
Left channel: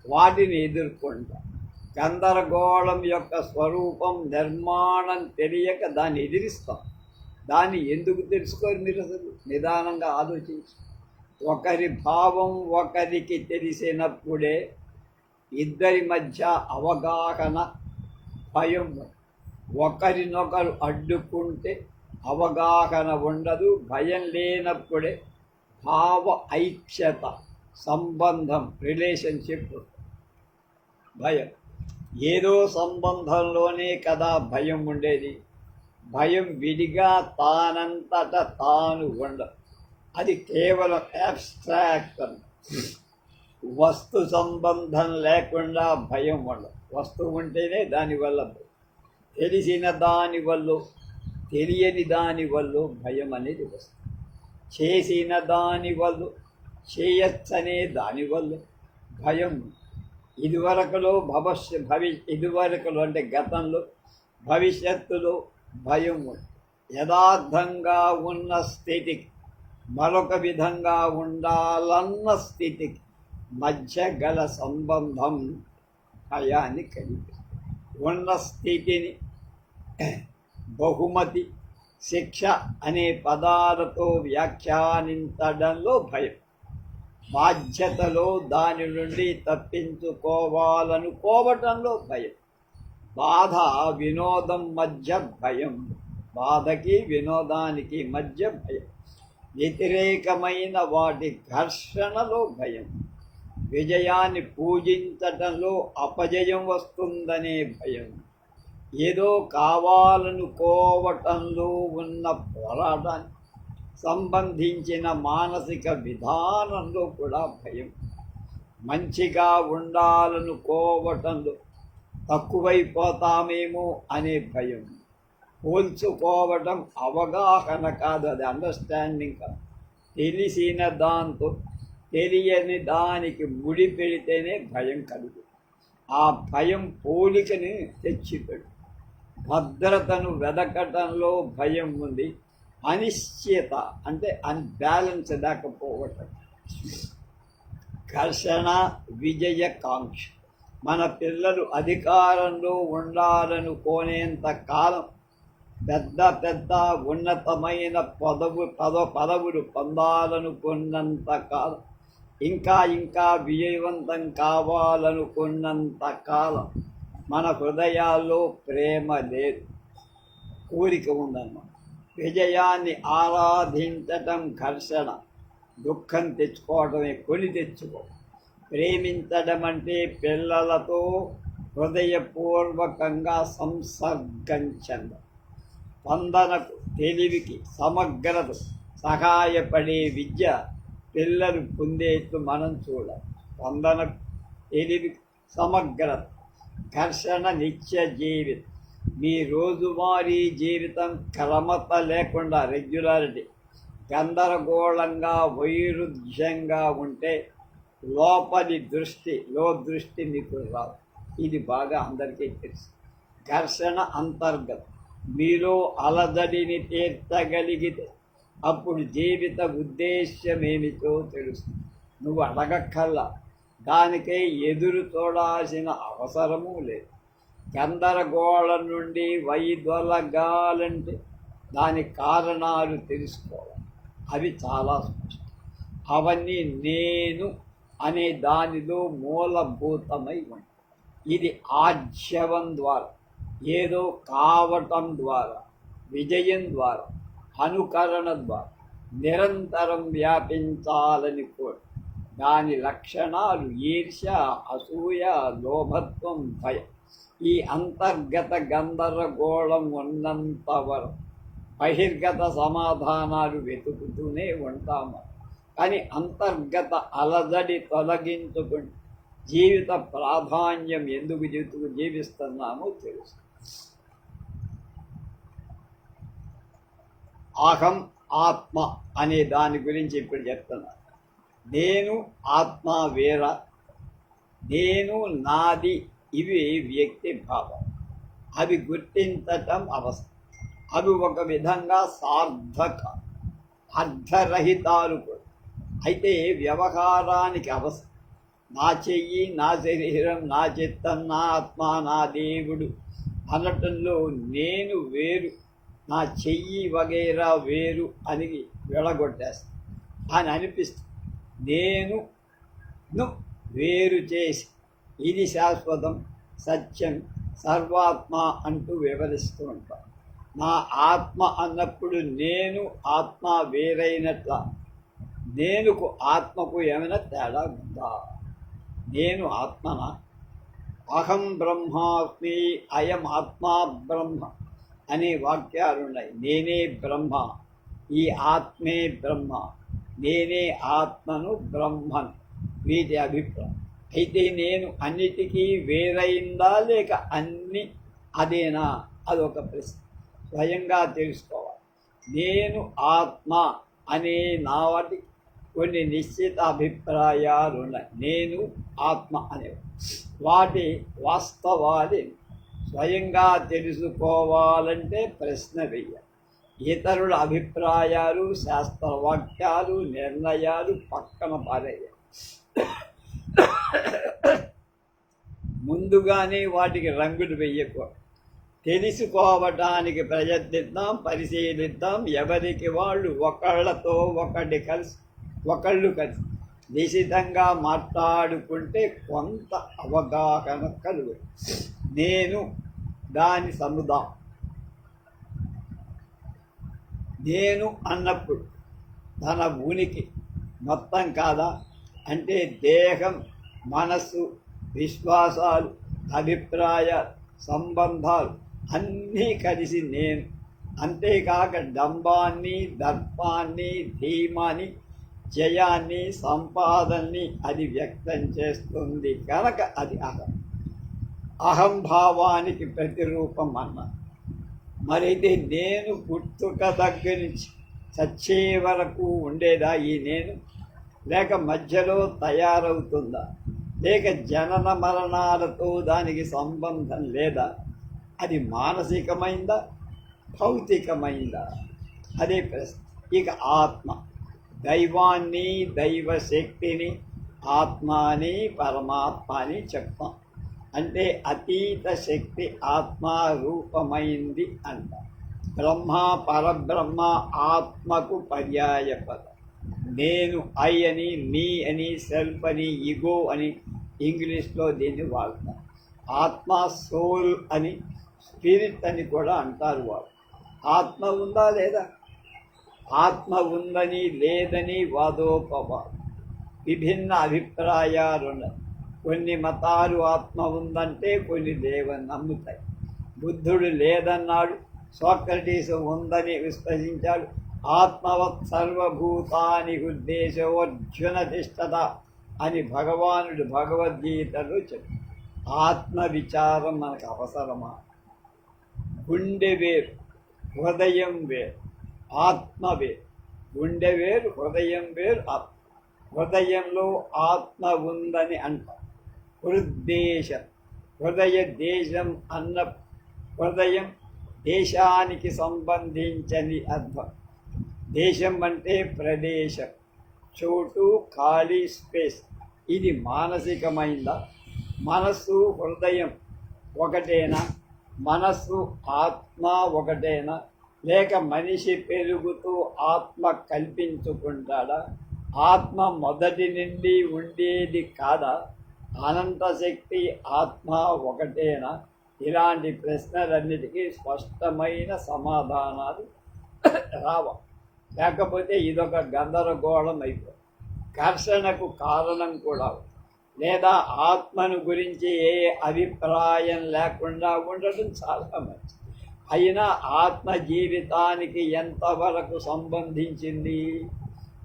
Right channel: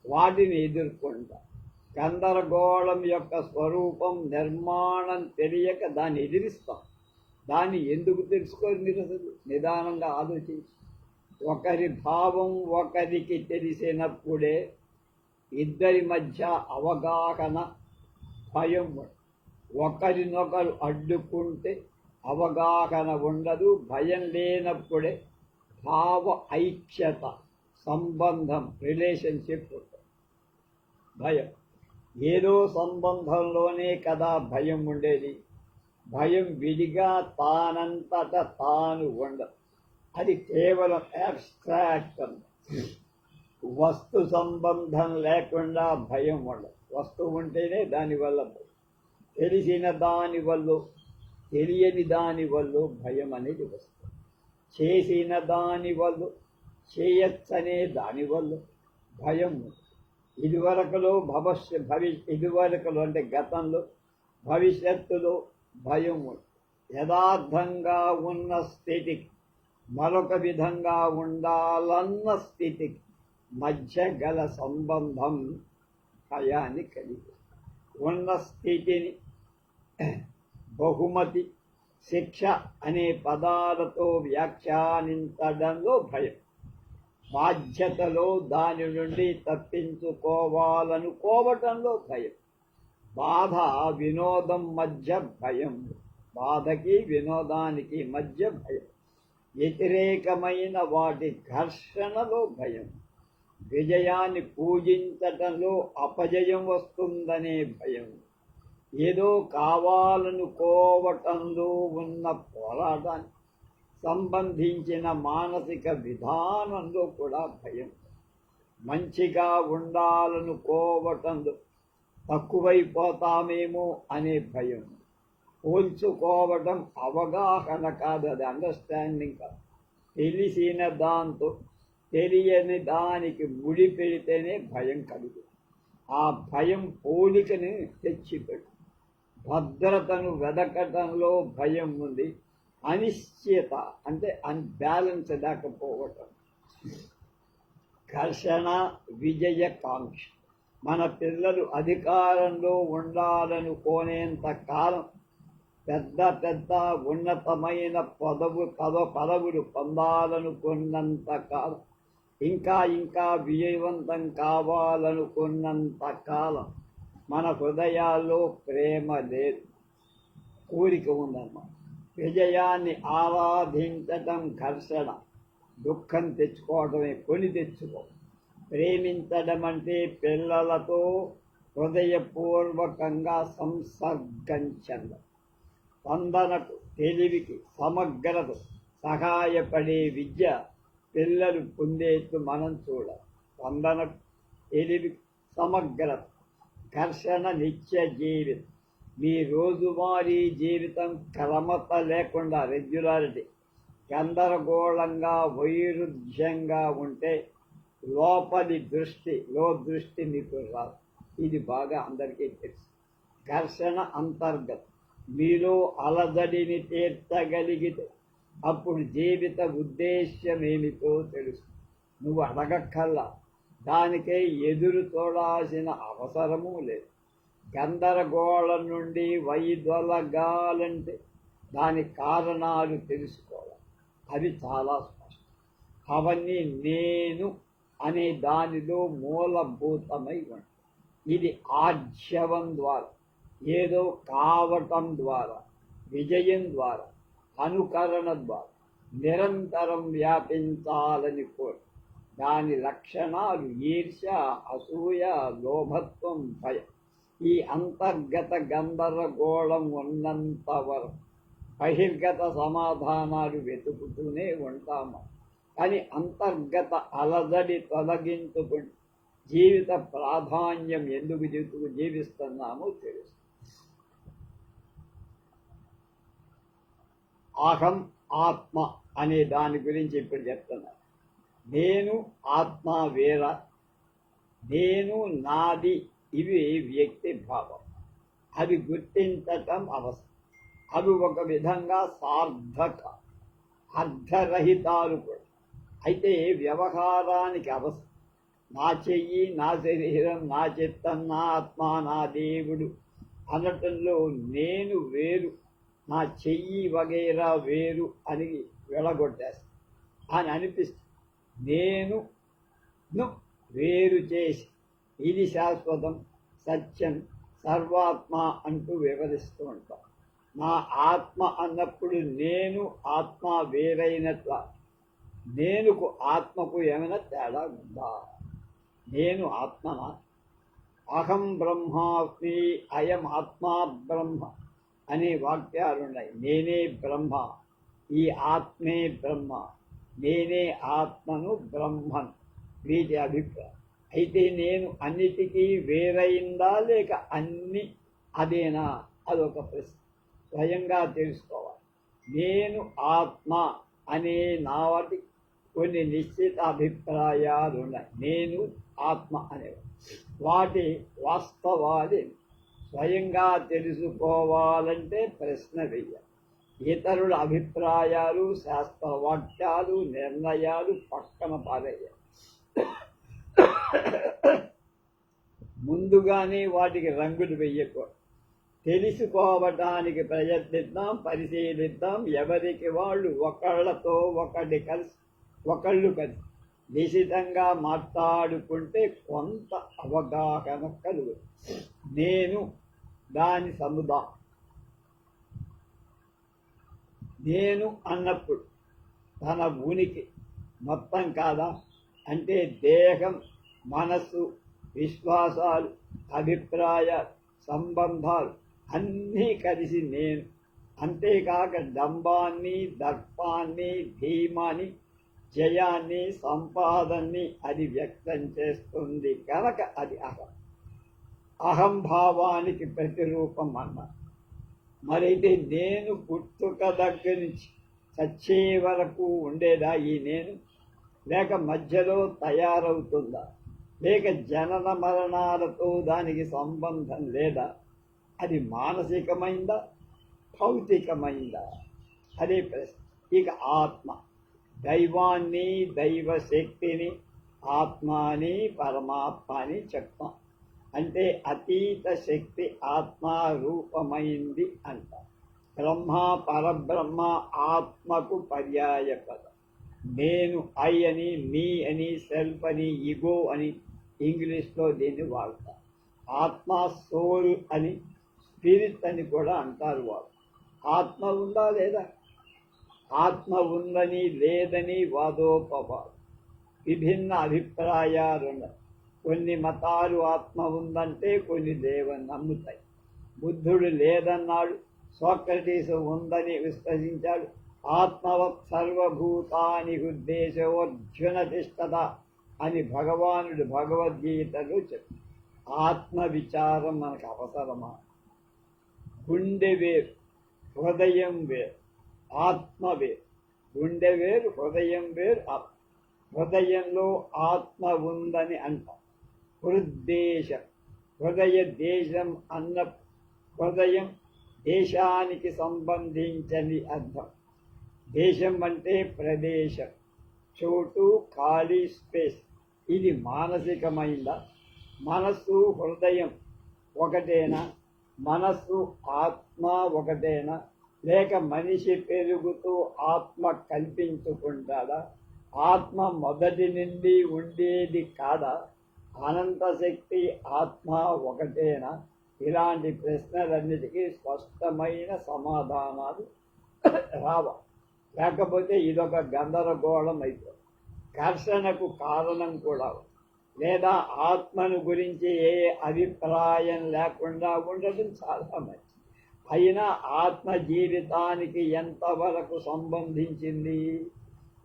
వాటిని ఎదుర్కొంటాం. గందరగోళం యొక్క స్వరూపం, నిర్మాణం తెలియక దాన్ని ఎదిరిస్తాం. దాన్ని ఎందుకు తెలుసుకోరు మీరు అసలు నిదానంగా ఆలోచించి. ఒకరి భావం ఒకరికి తెలిసినప్పుడే ఇద్దరి మధ్య అవగాహన, భయం. ఒకరినొకరు అడ్డుకుంటే అవగాహన ఉండదు. భయం లేనప్పుడే భావ ఐక్యత, సంబంధం, రిలేషన్షిప్ ఉంటుంది. భయం ఏదో సంబంధంలోనే కదా భయం ఉండేది. భయం విడిగా తానంతట తాను ఉండదు. అది కేవలం అబ్స్ట్రాక్ట్. వస్తు సంబంధం లేకుండా భయం ఉండదు. వస్తువు ఉంటేనే దానివల్ల భయం. తెలిసిన దానివల్ల, తెలియని దానివల్ల భయం అనేది వస్తుంది. చేసిన దానివల్ల, చేయచ్చనే దానివల్ల భయం. ఇదివరకులో ఇదివరకులో అంటే గతంలో, భవిష్యత్తులో భయం. యథార్థంగా ఉన్న స్థితికి, మరొక విధంగా ఉండాలన్న స్థితికి మధ్య గల సంబంధం భయాన్ని కలిగి ఉన్న స్థితిని బహుమతి, శిక్ష అనే పదాలతో వ్యాఖ్యానించడంలో భయం. బాధ్యతలో దాని నుండి తప్పించుకోవాలనుకోవటంలో భయం. బాధ, వినోదం మధ్య భయం. బాధకి వినోదానికి మధ్య భయం. వ్యతిరేకమైన వాటి ఘర్షణలో భయం. విజయాన్ని పూజించటంలో అపజయం వస్తుందనే భయం. ఏదో కావాలనుకోవటంలో ఉన్న పోరాటానికి సంబంధించిన మానసిక విధానంలో కూడా భయం. మంచిగా ఉండాలనుకోవటంలో తక్కువైపోతామేమో అనే భయం. పోల్చుకోవటం అవగాహన కాదు, అది అండర్స్టాండింగ్ కాదు. తెలిసిన దాంతో తెలియని దానికి ముడి పెడితేనే భయం కలుగు. ఆ భయం పోలికని తెచ్చిపెడు. భద్రతను వెదకటంలో భయం ఉంది. అనిశ్చిత అంటే అన్బ్యాలెన్స్ లేకపోవటం. ఘర్షణ, విజయకాంక్ష. మన పిల్లలు అధికారంలో ఉండాలనుకోనేంత కాలం, పెద్ద పెద్ద ఉన్నతమైన పదవులు పొందాలనుకున్నంత కాలం ఇంకా ఇంకా విజయవంతం కావాలనుకున్నంత కాలం మన హృదయాల్లో ప్రేమ లేదు, కోరిక ఉందన్నమాట. విజయాన్ని ఆరాధించటం ఘర్షణ, దుఃఖం తెచ్చుకోవడమే, కొని తెచ్చుకో. ప్రేమించడం అంటే పిల్లలతో హృదయపూర్వకంగా సంసర్గంచండి. స్పందనకు, తెలివికి, సమగ్రత సహాయపడే విద్య పిల్లలు పొందేట్టు మనం చూడాలి. స్పందనకు, తెలివికి, సమగ్రత, ఘర్షణ నిత్య జీవితం. మీ రోజువారీ జీవితం క్రమత లేకుండా, రెగ్యులారిటీ, గందరగోళంగా, వైరుధ్యంగా ఉంటే లోపలి దృష్టి, దృష్టి మీకు రాదు. ఇది బాగా అందరికీ తెలుసు. ఘర్షణ అంతర్గతం. మీలో అలజడిని తీర్చగలిగితే అప్పుడు జీవిత ఉద్దేశ్యం ఏమిటో తెలుస్తుంది. నువ్వు అడగక్కల్లా, దానికై ఎదురు చూడాల్సిన అవసరమూ లేదు. గందరగోళం నుండి వైదొలగాలంటే దాని కారణాలు తెలుసుకోవాలి. అవి చాలా స్పష్టం. అవన్నీ నేను అనే దానిలో మూలభూతమై ఉంటాయి. ఇది ఆజ్యవం ద్వారా, ఏదో కావటం ద్వారా, విజయం ద్వారా, అనుకరణ ద్వారా నిరంతరం వ్యాపించాలని కోరు. దాని లక్షణాలు ఈర్ష్య, అసూయ, లోభత్వం, భయం. ఈ అంతర్గత గందరగోళం ఉన్నంత వరకు బహిర్గత సమాధానాలు వెతుకుతూనే ఉంటాము. కానీ అంతర్గత అలజడి తొలగించుకుని జీవిత ప్రాధాన్యం ఎందుకు జీవిస్తున్నామో తెలుసు. అహం ఆత్మ అనే దాని గురించి ఇప్పుడు చెప్తున్నాను. నేను ఆత్మ వేర, నేను నాది, ఇవి వ్యక్తి భావం. అవి గుర్తించటం అవసరం. అవి ఒక విధంగా సార్థక, అర్ధరహితాలు కూడా. అయితే వ్యవహారానికి అవసరం. నా చెయ్యి, నా శరీరం, నా చిత్తం, నా ఆత్మ, నా దేవుడు అనటంలో నేను వేరు, నా చెయ్యి వగైరా వేరు అని వెళ్ళగొట్టేస్తాను అని అనిపిస్తుంది. నేను వేరు చేసి ఇది శాశ్వతం, సత్యం, సర్వాత్మ అంటూ వివరిస్తూ ఉంటాం. నా ఆత్మ అన్నప్పుడు నేను ఆత్మ వేరైనట్ల. నేనుకు ఆత్మకు ఏమైనా తేడా ఉందా? నేను ఆత్మనా? అహం బ్రహ్మాస్మి, అయం ఆత్మా బ్రహ్మ అనే వాక్యాలున్నాయి. నేనే బ్రహ్మ, ఈ ఆత్మే బ్రహ్మ, నేనే ఆత్మను బ్రహ్మను, వీటి అభిప్రాయం. అయితే నేను అన్నిటికీ వేరైందా లేక అన్ని అదేనా? అదొక ప్రశ్న. స్వయంగా తెలుసుకోవాలి. నేను ఆత్మ అనే నాటి కొన్ని నిశ్చిత అభిప్రాయాలు ఉన్నాయి. నేను ఆత్మ అనేవి వాటి వాస్తవాలు స్వయంగా తెలుసుకోవాలంటే ప్రశ్న వెయ్యాలి. ఇతరుల అభిప్రాయాలు, శాస్త్రవాక్యాలు, నిర్ణయాలు పక్కన పారేయాలి. ముందుగానే వాటికి రంగులు వెయ్యకూడదు. తెలుసుకోవటానికి ప్రయత్నిద్దాం, పరిశీలిద్దాం. ఎవరికి వాళ్ళు ఒకళ్ళతో ఒకళ్ళు కలిసి నిశితంగా మాట్లాడుకుంటే కొంత అవగాహన కలుగు. నేను దాని సముదాయం. నేను అన్నప్పుడు తన ఉనికి మొత్తం కాదా? అంటే దేహం, మనస్సు, విశ్వాసాలు, అభిప్రాయాలు, సంబంధాలు అన్నీ కలిసి నేను. అంతేకాక డంబాన్ని, దర్పాన్ని, ధీమాన్ని, జయాన్ని, సంపాదనని అది వ్యక్తం చేస్తుంది కనుక అది అహం. అహంభావానికి ప్రతిరూపం అన్నారు. మరైతే నేను పుట్టుక దగ్గర నుంచి చచ్చే వరకు ఉండేదా ఈ నేను? లేక మధ్యలో తయారవుతుందా? లేక జనన మరణాలతో దానికి సంబంధం లేదా? అది మానసికమైందా, భౌతికమైందా? అదే ప్రశ్న. ఇక ఆత్మ, దైవాన్ని, దైవశక్తిని ఆత్మ అని, పరమాత్మ అని చెప్తాం. అంటే అతీత శక్తి ఆత్మారూపమైంది అంట. బ్రహ్మ, పరబ్రహ్మ ఆత్మకు పర్యాయ పదం. నేను ఐ అని, మీ అని, సెల్ఫ్ అని, ఈగో అని ఇంగ్లీష్లో దీన్ని వాడతారు. ఆత్మ సోల్ అని, స్పిరిట్ అని కూడా అంటారు వాడు. ఆత్మ ఉందా లేదా? ఆత్మ ఉందని లేదని వాదోపవాదం, విభిన్న అభిప్రాయాలు ఉన్నాయి. కొన్ని మతాలు ఆత్మ ఉందంటే కొన్ని లేవని నమ్ముతాయి. బుద్ధుడు లేదన్నాడు, సోక్రటీస్ ఉందని విశ్వసించాడు. ఆత్మవత్ సర్వభూతాని ఉద్దేశోర్జున తిష్టత అని భగవానుడు భగవద్గీతలో చెప్పాడు. ఆత్మ విచారం మనకు అవసరమా? గుండె వేరు, హృదయం వేరు. ఆత్మ వేరు, గుండె వేరు, హృదయం వేరు. హృదయంలో ఆత్మ ఉందని అంటాం. హృద్దేశం, హృదయ దేశం అన్న హృదయం దేశానికి సంబంధించని అర్థం. దేశం అంటే ప్రదేశం, చోటు, ఖాళీ స్పేస్. ఇది మానసికమైందా? మనస్సు హృదయం ఒకటేనా? మనస్సు ఆత్మ ఒకటేనా? లేక మనిషి పెరుగుతూ ఆత్మ కల్పించుకుంటాడా? ఆత్మ మొదటి నుండి ఉండేది కాదా? అనంత శక్తి ఆత్మ ఒకటేనా? ఇలాంటి ప్రశ్నలన్నిటికీ స్పష్టమైన సమాధానాలు రావాలి. లేకపోతే ఇదొక గందరగోళం అయిపోతుంది. ఘర్షణకు కారణం కూడా. లేదా ఆత్మను గురించి ఏ అభిప్రాయం లేకుండా ఉండటం చాలా మంచిది. అయినా ఆత్మ జీవితానికి ఎంతవరకు సంబంధించింది?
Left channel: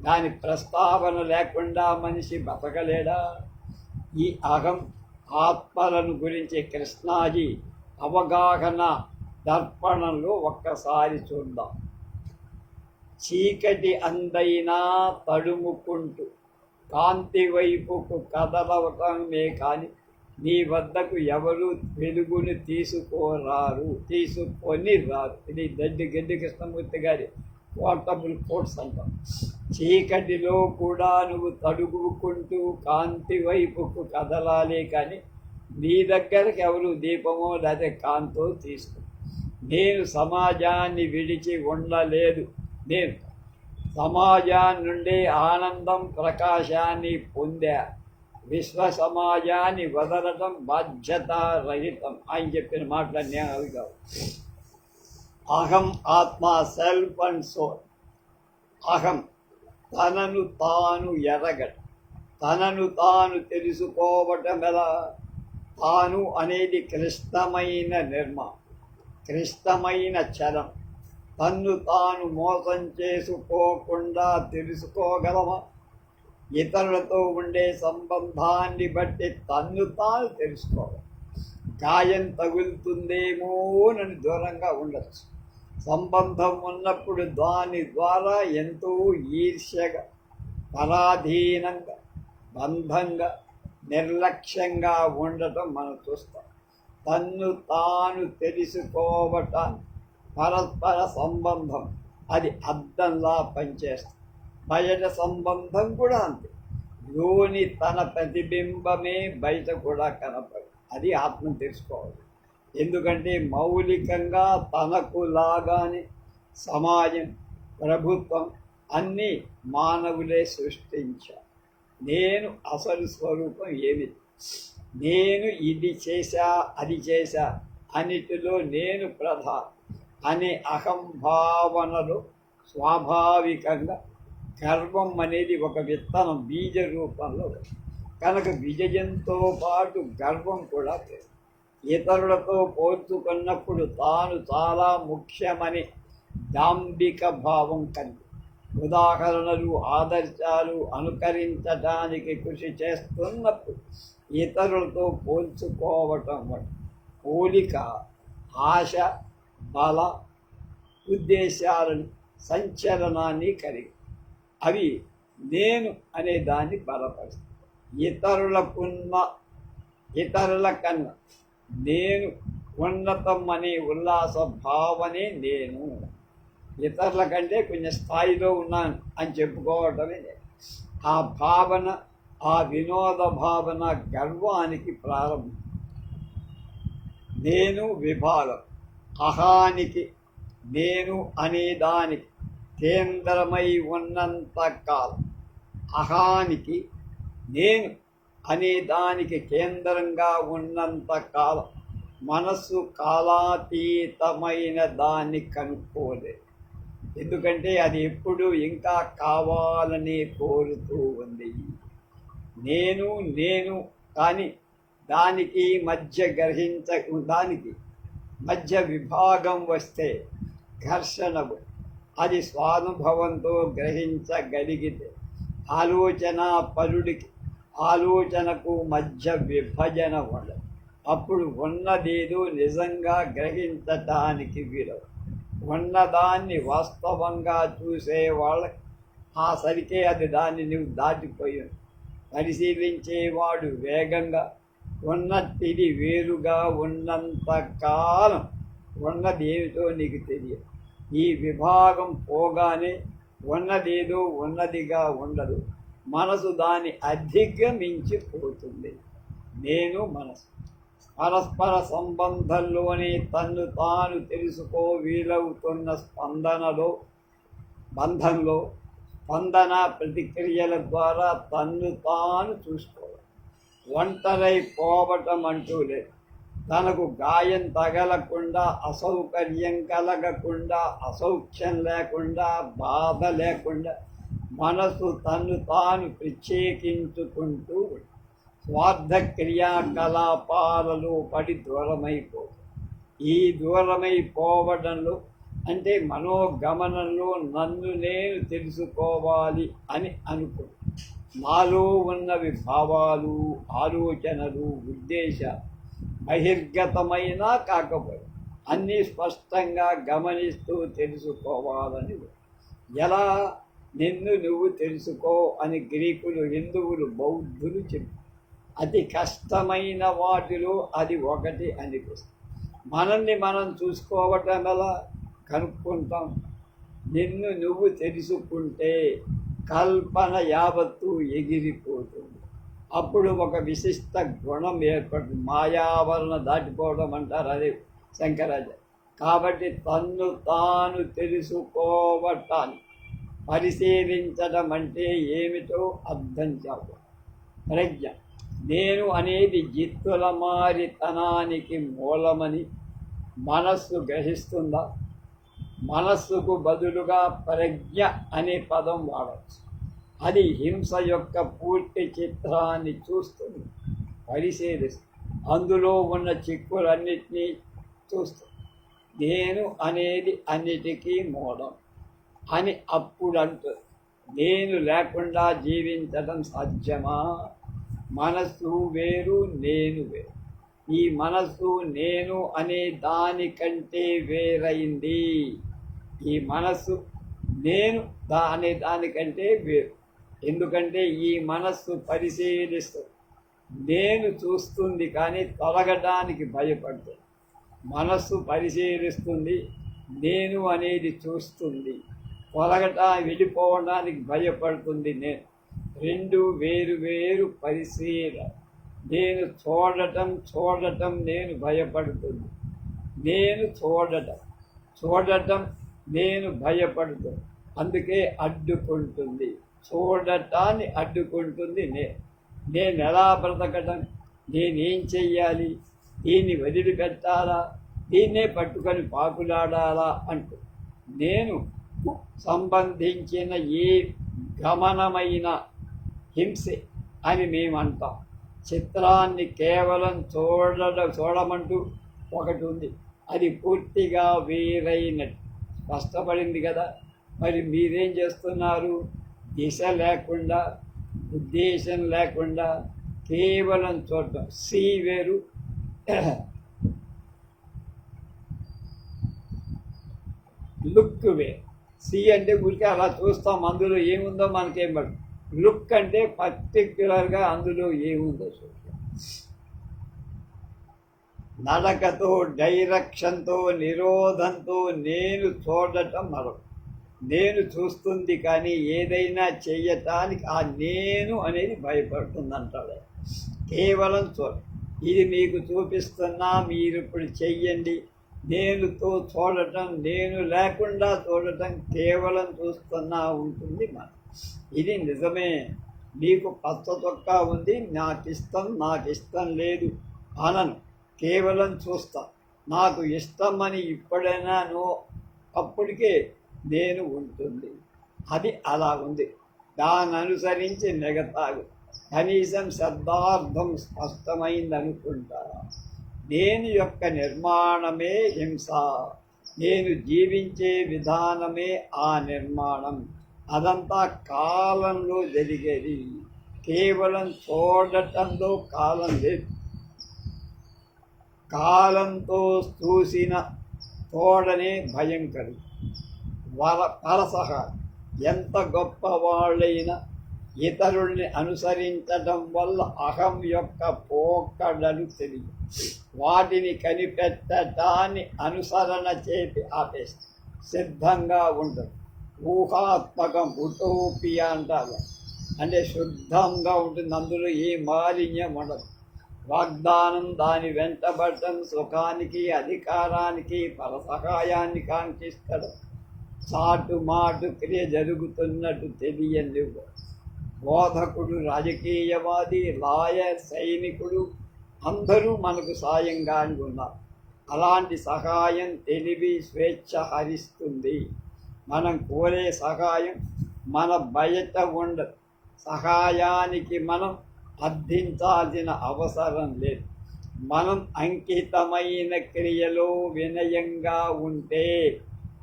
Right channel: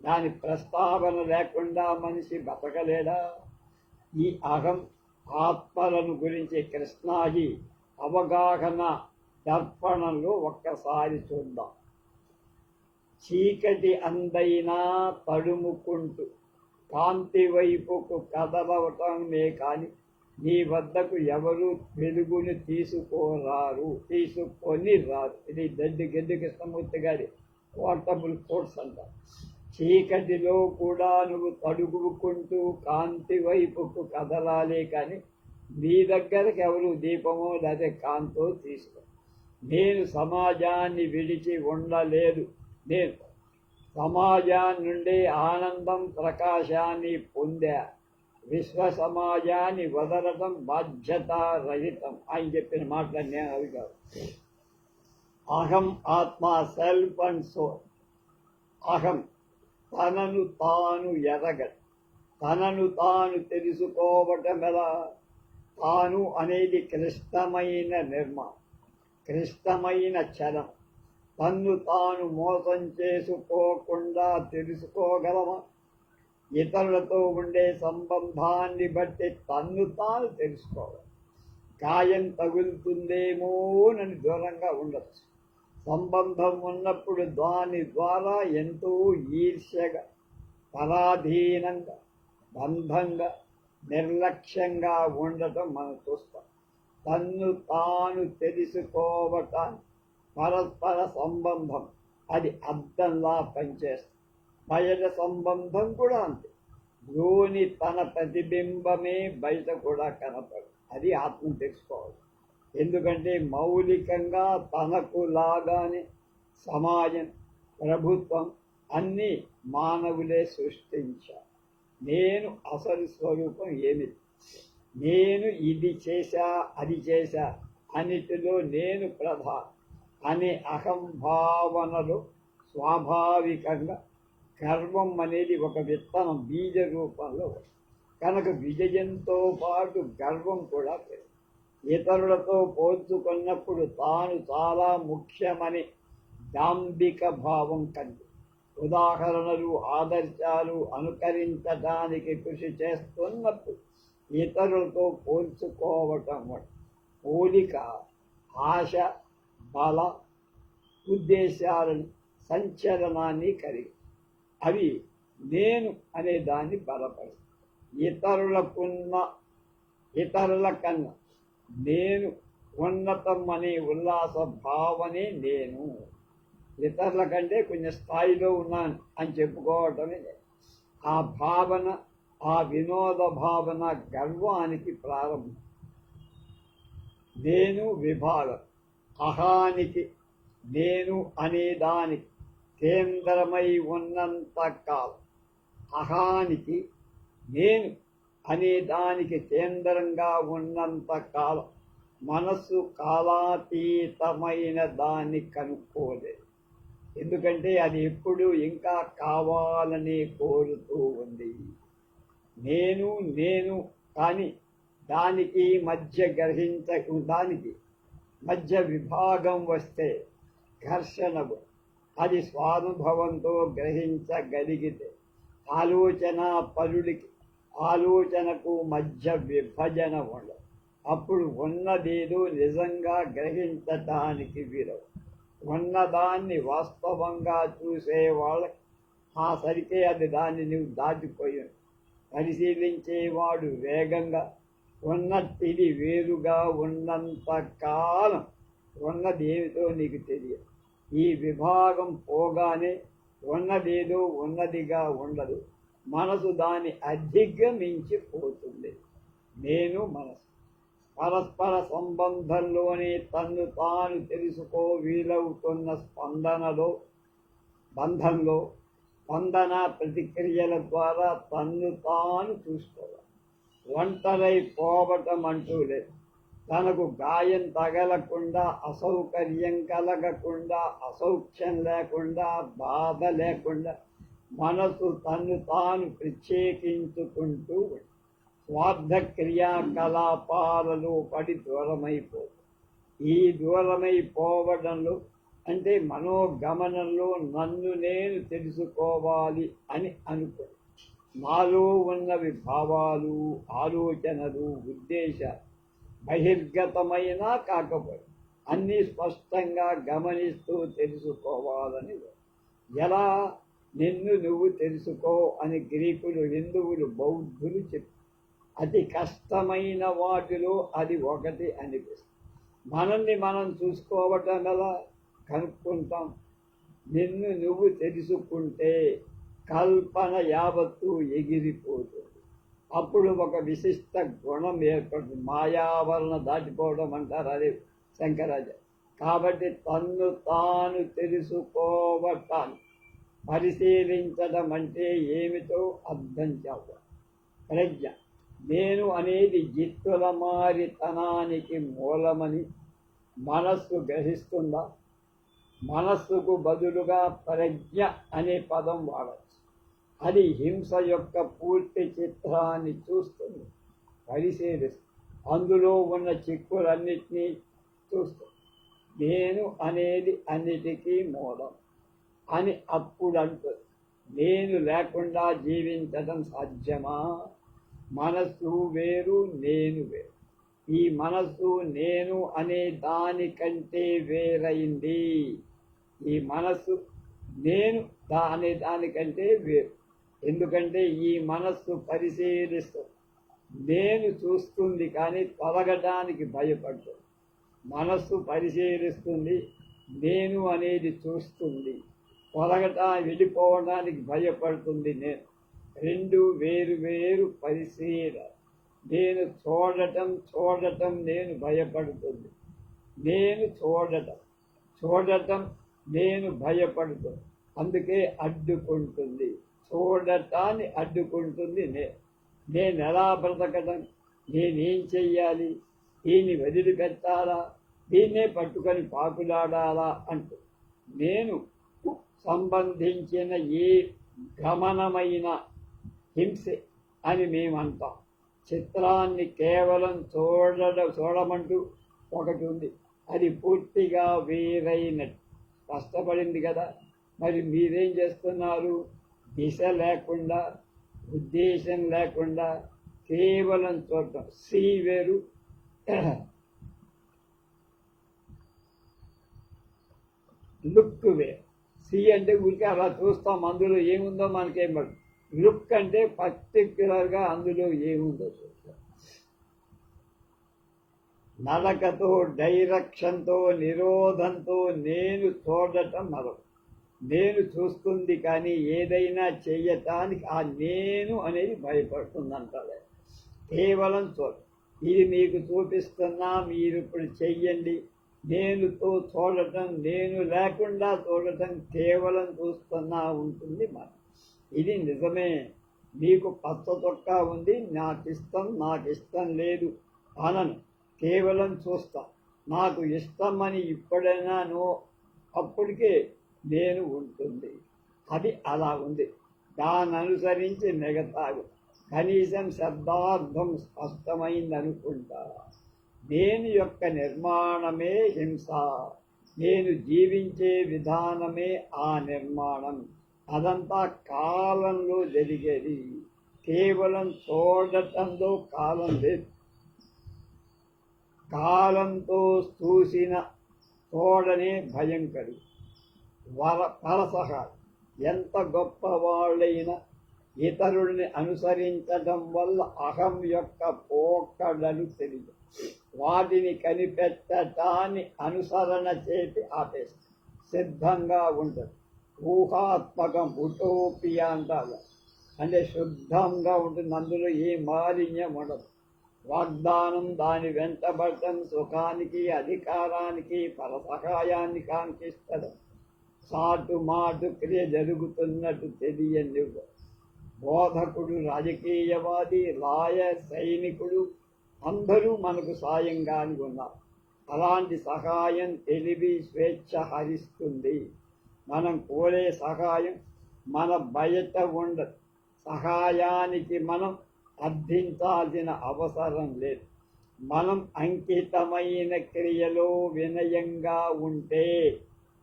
దాని ప్రస్తావన లేకుండా మనిషి బతకలేడా? ఈ అహం ఆత్మలను గురించి కృష్ణాజీ అవగాహన దర్పణంలో ఒక్కసారి చూద్దాం. చీకటి అందైనా తడుముకుంటూ కాంతి వైపుకు కదలవటమే కానీ నీ వద్దకు ఎవరు వెలుగుని తీసుకొని రారు. ఇది గడ్డి కృష్ణమూర్తి గారి పోర్టబుల్ కోట్స్ అంటాం. చీకటిలో కూడా నువ్వు తడుగుకుంటూ కాంతి వైపుకు కదలాలే కానీ నీ దగ్గరకు ఎవరు దీపమో లేదా కాంతో తీసుకో. నేను సమాజాన్ని విడిచి ఉండలేదు. నేను సమాజాన్ని నుండి ఆనందం, ప్రకాశాన్ని పొందా. విశ్వ సమాజాన్ని వదలటం బాధ్యతారహితం. ఆయన చెప్పిన మాటలన్నీ అవి కావు. అహం ఆత్మ, సెల్ఫ్ అండ్ సోల్. అహం తనను తాను ఎరగడం, తనను తాను తెలుసుకోవటం ఎలా? తాను అనేది క్లిష్టమైన నిర్మాణం, క్లిష్టమైన చలం. తన్ను తాను మోసం చేసుకోకుండా తెలుసుకోగలమా? ఇతరులతో ఉండే సంబంధాన్ని బట్టి తన్ను తాను తెలుసుకోవాలి. గాయం తగులుతుందేమోనని దూరంగా ఉండొచ్చు. సంబంధం ఉన్నప్పుడు దాని ద్వారా ఎంతో ఈర్ష్యగా, పరాధీనంగా, బంధంగా, నిర్లక్ష్యంగా ఉండటం మనం చూస్తాం. తన్ను తాను తెలుసుకోవటానికి పరస్పర సంబంధం అది అద్దంలా పనిచేస్తుంది. బయట సంబంధం కూడా అంతే. లోని తన ప్రతిబింబమే బయట కూడా కనపడు. అది ఆత్మను తెలుసుకోవాలి. ఎందుకంటే మౌలికంగా తనకు లాగానే సమాజం, ప్రభుత్వం అన్నీ మానవులే సృష్టించారు. నేను అసలు స్వరూపం ఏమిటి? నేను ఇది చేశా, అది చేశా, అన్నిటిలో నేను ప్రధానం అనే అహంభావనలో స్వాభావికంగా గర్వం అనేది ఒక విత్తనం బీజ రూపంలో కనుక విజయంతో పాటు గర్వం కూడా లేదు. ఇతరులతో పోల్చుకున్నప్పుడు తాను చాలా ముఖ్యమని దాంభిక భావం కలిగి ఉదాహరణలు, ఆదర్శాలు అనుకరించడానికి కృషి చేస్తున్నప్పుడు ఇతరులతో పోల్చుకోవటం పోలిక ఆశ, బల, ఉద్దేశాలను, సంచలనాన్ని కలిగి అవి నేను అనే దాన్ని బలపరుస్తాయి. ఇతరుల కన్నా నేను ఉన్నతం అనే ఉల్లాస భావనే నేను. ఇతరుల కంటే కొంచెం స్థాయిలో ఉన్నాను అని చెప్పుకోవటమే ఆ భావన, ఆ వినోద భావన గర్వానికి ప్రారంభం. నేను విభాగం, అహానికి, నేను అనేదానికి కేంద్రమై ఉన్నంత కాలం, అహానికి నేను అనే దానికి కేంద్రంగా ఉన్నంత కాలం మనస్సు కాలాతీతమైన దాన్ని కనుక్కోలేదు. ఎందుకంటే అది ఎప్పుడు ఇంకా కావాలని కోరుతూ ఉంది. నేను నేను కానీ దానికి మధ్య విభాగం వస్తే ఘర్షణ, అది స్వానుభవంతో గ్రహించగలిగితే ఆలోచనకు మధ్య విభజన ఉండదు. అప్పుడు ఉన్నదేదో నిజంగా గ్రహించటానికి వీలవు. ఉన్నదాన్ని వాస్తవంగా చూసేవాళ్ళ ఆ సరికే అది దాన్ని నువ్వు దాటిపోయావు. పరిశీలించేవాడు వేగంగా ఉన్నట్టిది వేరుగా ఉన్నంత కాలం ఉన్నది ఏమిటో నీకు తెలియదు. ఈ విభాగం పోగానే ఉన్నదేదో ఉన్నదిగా ఉండదు. మనసు దాన్ని అధిగమించిపోతుంది. నేను మనసు పరస్పర సంబంధంలోనే తన్ను తాను తెలుసుకో వీలవుతున్న బంధంలో స్పందన ప్రతిక్రియల ద్వారా తన్ను తాను చూసుకోవాలి. ఒంటరై పోవటం అంటూ లేదు. తనకు గాయం తగలకుండా, అసౌకర్యం కలగకుండా, అసౌఖ్యం లేకుండా, బాధ లేకుండా మనసు తన్ను తాను ప్రత్యేకించుకుంటూ స్వార్థ క్రియాకలాపాలలో పడి దూరమైపోతుంది. ఈ దూరమైపోవడంలో అంటే మనోగమనంలో నన్ను నేను తెలుసుకోవాలి అని అనుకో. నాలో ఉన్నవి భావాలు, ఆలోచనలు, ఉద్దేశాలు బహిర్గతమైనా కాకపోయి అన్నీ స్పష్టంగా గమనిస్తూ తెలుసుకోవాలని. ఎలా? నిన్ను నువ్వు తెలుసుకో అని గ్రీకులు, హిందువులు, బౌద్ధులు చెప్పి అతి కష్టమైన వాటిలో అది ఒకటి అనిపిస్తుంది. మనల్ని మనం చూసుకోవటం ఎలా కనుక్కుంటాం? నిన్ను నువ్వు తెలుసుకుంటే కల్పన యావత్తు ఎగిరిపోతుంది. అప్పుడు ఒక విశిష్ట గుణం ఏర్పడుతుంది. మాయావరణ దాటిపోవడం అంటారు, అదే శంకరాచార్య. కాబట్టి తన్ను తాను తెలుసుకోవటాన్ని పరిశీలించడం అంటే ఏమిటో అర్థం చేసుకోవాలి. ప్రజ్ఞ, నేను అనేది జిత్తుల మారితనానికి మూలమని మనస్సు గ్రహిస్తుందా? మనస్సుకు బదులుగా ప్రజ్ఞ అనే పదం వాడవచ్చు. అది హింస యొక్క పూర్తి చిత్రాన్ని చూస్తుంది, పరిశీలిస్తుంది, అందులో ఉన్న చిక్కులన్నిటినీ చూస్తుంది. నేను అనేది అన్నిటికీ మూలం అని అప్పుడు అంటుంది. నేను లేకుండా జీవించడం సాధ్యమా? మనస్సు వేరు, నేను వేరు. ఈ మనస్సు నేను అనే దానికంటే వేరైంది. ఈ మనస్సు నేను అనే దానికంటే వేరు. ఎందుకంటే ఈ మనస్సు పరిశీలిస్తుంది, నేను చూస్తుంది కానీ తొలగడానికి భయపడుతుంది. మనస్సు పరిశీలిస్తుంది, నేను అనేది చూస్తుంది, వెళ్ళిపోవడానికి భయపడుతుంది. రెండు వేరు వేరు పరిశీలన. నేను చూడటం నేను భయపడుతుంది. నేను చూడటం నేను భయపడుతుంది. అందుకే అడ్డుకుంటుంది, చూడటాన్ని అడ్డుకుంటుంది. నేను ఎలా బ్రతకడం? నేనేం చెయ్యాలి? దీన్ని వదిలిపెట్టాలా? దీన్నే పట్టుకొని పాకులాడాలా అంటూ నేను సంబంధించిన ఏ గమనమైన హింసే అని మేమంటాం. చిత్రాన్ని కేవలం చూడమంటూ ఒకటి ఉంది, అది పూర్తిగా వేరైనట్టు స్పష్టపడింది కదా. మరి మీరేం చేస్తున్నారు? దిశ లేకుండా, ఉద్దేశం లేకుండా కేవలం చూడటం. సి వేరు, లుక్ వేరు. సి అంటే ఊరికే అలా చూస్తాం, అందులో ఏముందో మనకేం పడదు. లుక్ అంటే పర్టిక్యులర్గా అందులో ఏముందో చూస్తాం. నడకతో, డైరెక్షన్తో, నిరోధంతో నేను చూడటం మరొకటి. నేను చూస్తుంది కానీ ఏదైనా చెయ్యటానికి ఆ నేను అనేది భయపడుతుంది అంటారు. కేవలం ఇది మీకు చూపిస్తున్నా, మీరు ఇప్పుడు చెయ్యండి నేనుతో చూడటం, నేను లేకుండా చూడటం, కేవలం చూస్తున్నా ఉంటుంది మనం. ఇది నిజమే. నీకు పచ్చ చొక్కా ఉంది, నాకు ఇష్టం లేదు అనను, కేవలం చూస్తా. నాకు ఇష్టమని ఇప్పుడైనా అప్పటికే నేను ఉంటుంది. అది అలా ఉంది. దాన్ని అనుసరించి మిగతావి కనీసం శబ్దార్థం స్పష్టమైందనుకుంటా. నేను యొక్క నిర్మాణమే హింస, నేను జీవించే విధానమే ఆ నిర్మాణం. అదంతా కాలంలో జరిగేది. కేవలం చూడటంలో కాలం లేదు. కాలంతో చూసిన తోడనే భయంకరి. పరసహ ఎంత గొప్పవాళ్ళైనా ఇతరుల్ని అనుసరించడం వల్ల అహం యొక్క పోకడలు తెలియదు. వాటిని కనిపెట్టడాన్ని అనుసరణ చేసి ఆపేస్తే సిద్ధంగా ఉండదు. ఊహాత్మకం, ఉటోపియా అంటారు. అంటే శుద్ధంగా ఉంటుంది, అందులో ఏ మాలిన్యం ఉండదు. వాగ్దానం దాని వెంటబడటం సుఖానికి, అధికారానికి, పరసహాయాన్ని కాంక్షిస్తడం, చాటు మాటు క్రియ జరుగుతున్నట్టు తెలియని బోధకుడు, రాజకీయవాది, లాయర్, సైనికుడు అందరూ మనకు సాయంగా ఉన్నారు. అలాంటి సహాయం తెలివి, స్వేచ్ఛ హరిస్తుంది. మనం కోరే సహాయం మన బయట ఉండదు. సహాయానికి మనం అర్థించాల్సిన అవసరం లేదు. మనం అంకితమైన క్రియలో వినయంగా ఉంటే,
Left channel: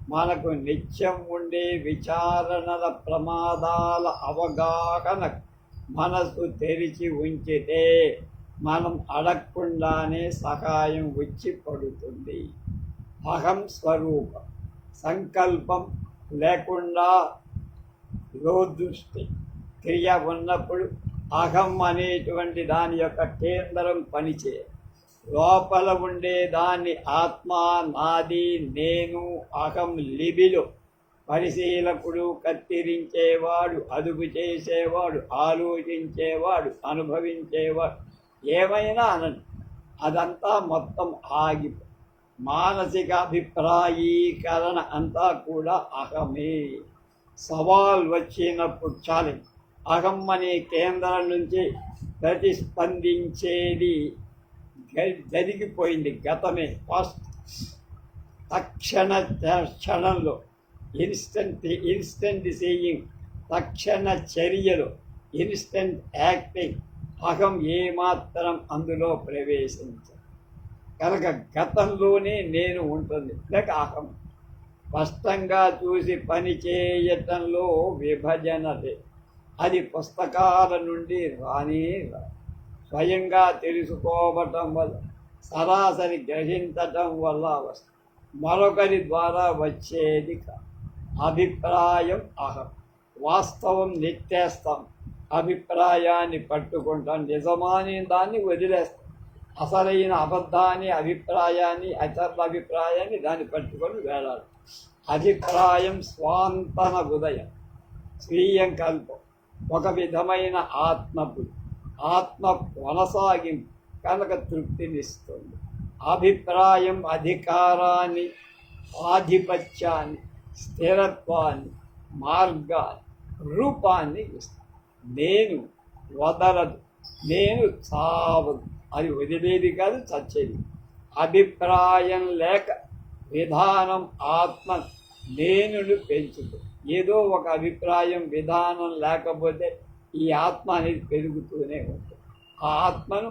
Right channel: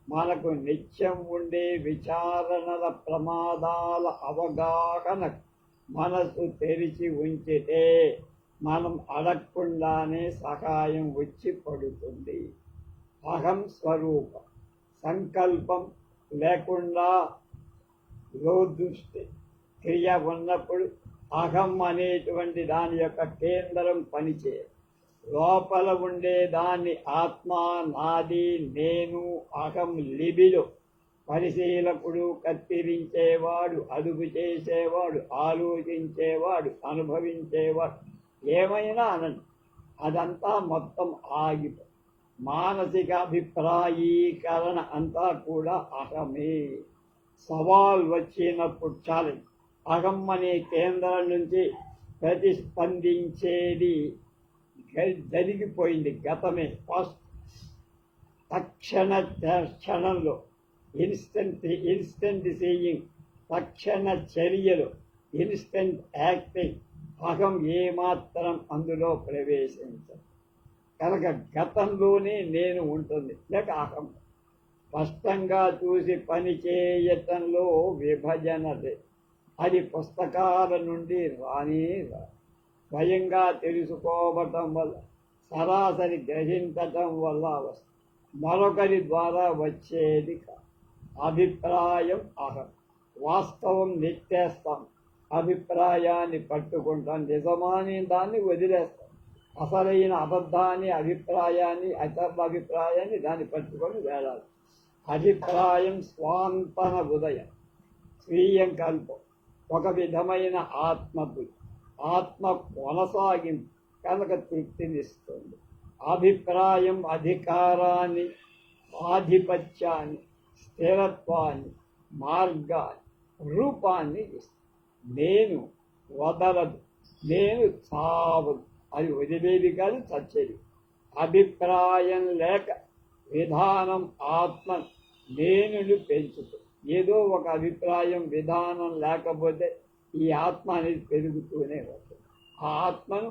మనకు నిత్యం ఉండే విచారణల ప్రమాదాల అవగాహన మనసు తెరిచి ఉంచితే, మనం అడగకుండానే సహాయం వచ్చి పడుతుంది. అహం స్వరూపం, సంకల్పం లేకుండా లోదృష్టి క్రియ ఉన్నప్పుడు అహం అనేటువంటి దాని యొక్క కేంద్రం పనిచేయదు. లోపల ఉండే దాన్ని ఆత్మ, నాది, నేను, అహం లిబిలో పరిశీలకుడు, కత్తిరించేవాడు, అదుపు చేసేవాడు, ఆలోచించేవాడు, అనుభవించేవాడు, ఏమైనా అనండి, అదంతా మొత్తం ఆగిపో. మానసిక అభిప్రాయీకరణ అంతా కూడా అహమే. సవాల్ వచ్చినప్పుడు ఛాలెంజ్ అహం అనే కేంద్రం నుంచి ప్రతిస్పందించేది జరిగిపోయింది. గతమే ఫస్ట్ క్షణంలో ఇన్స్టెంట్ సీయింగ్, తక్షణ చర్యలో ఇన్స్టెంట్ యాక్టింగ్. అహం ఏమాత్రం అందులో ప్రవేశించదు. కనుక గతంలోనే నేను ఉంటుంది. లేక అహం స్పష్టంగా చూసి పని చేయటంలో విభజన లేదు. అది పుస్తకాల నుండి రానే రాదు. స్వయంగా తెలుసుకోవటం వల్ల, సరాసరి గ్రహించటం వల్ల వస్తుంది. మరొకరి ద్వారా వచ్చేది కాదు. అభిప్రాయం అహం. వాస్తవం నెట్టేస్తాం, అభిప్రాయాన్ని పట్టుకుంటాం. నిజమాని దాన్ని వదిలేస్తాం. అసలైన అబద్ధాన్ని, అభిప్రాయాన్ని, ఇతరుల అభిప్రాయాన్ని దాన్ని పట్టుకొని వేలాలి. అభిప్రాయం స్వాంతన ఉదయం, స్వీయం కల్పం, ఒక విధమైన ఆత్మబుద్ధి, ఆత్మ కొనసాగింపు కనుక తృప్తినిస్తుంది. అభిప్రాయం అధికారాన్ని, ఆధిపత్యాన్ని, స్థిరత్వాన్ని, మార్గాన్ని, రూపాన్ని ఇస్తుంది. నేను వదలదు, నేను చావదు, అది వదిలేది కాదు, చచ్చేది. అభిప్రాయం లేక విధానం ఆత్మ నేనును పెంచుతుంది. ఏదో ఒక అభిప్రాయం, విధానం లేకపోతే ఈ ఆత్మ అనేది పెరుగుతూనే ఉంటుంది. ఆ ఆత్మను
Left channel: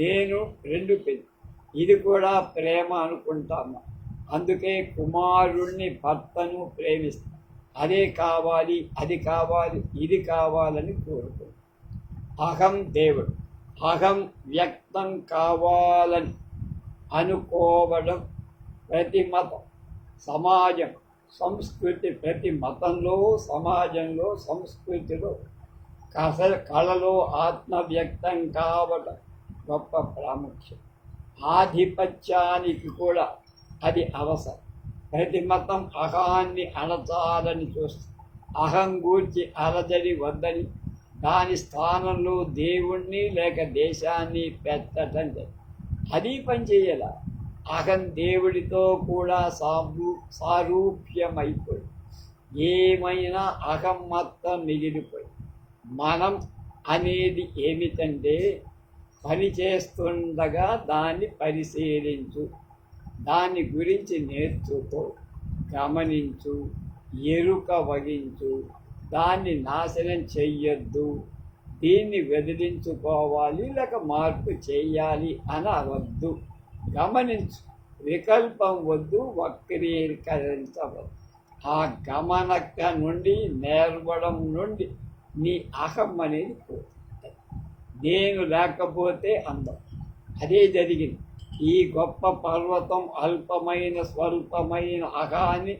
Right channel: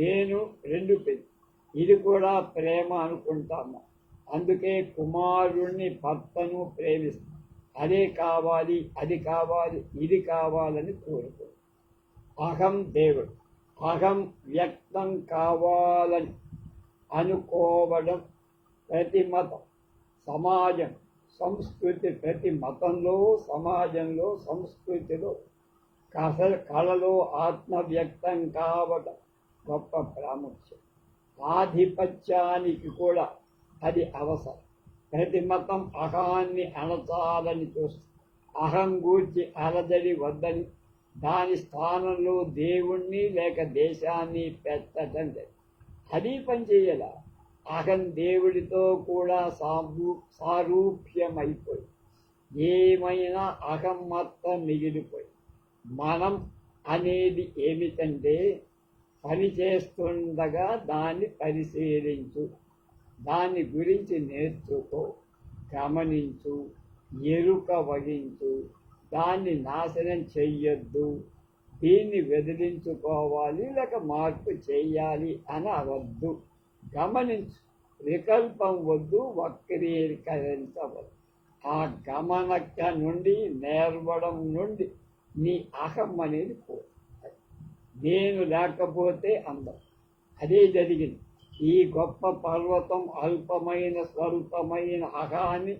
నేను రెండు ఇది కూడా ప్రేమ అనుకుంటాము. అందుకే కుమారుణ్ణి, భర్తను ప్రేమిస్తాం. అదే కావాలి, అది కావాలి, ఇది కావాలని కోరుకుంటాం. అహం దేవుడు. అహం వ్యక్తం కావాలని అనుకోవడం ప్రతి మతం, సమాజం, సంస్కృతి, ప్రతి మతంలో, సమాజంలో, సంస్కృతిలో కళలో ఆత్మ వ్యక్తం కావడం గొప్ప ప్రాముఖ్యం. ఆధిపత్యానికి కూడా అది అవసరం. ప్రతి మతం అహాన్ని అణచాలని చూస్తుంది. అహం గూర్చి అలజడి వద్దని, దాని స్థానంలో దేవుణ్ణి లేక దేశాన్ని పెట్టడం. అది పనిచేయాల. అహం దేవుడితో కూడా సారూప్యమైపోయి ఏమైనా అహం మొత్తం మిగిలిపోయి మనం అనేది ఏమిటంటే పని చేస్తుండగా దాన్ని పరిశీలించు, దాని గురించి నేర్చుకో, గమనించు, ఎరుక వహించు, దాన్ని నాశనం చెయ్యొద్దు, దీన్ని వదిలించుకోవాలి లేక మార్పు చేయాలి అని అవద్దు. గమనించు, వికల్పం వద్దు, వక్రీకరించవద్దు. ఆ గమనక నుండి నేర్వడం నుండి నీ అహం అనేది పోతుంది. నేను లేకపోతే అందం. అదే జరిగింది. ఈ గొప్ప పర్వతం అల్పమైన స్వల్పమైన అహాన్ని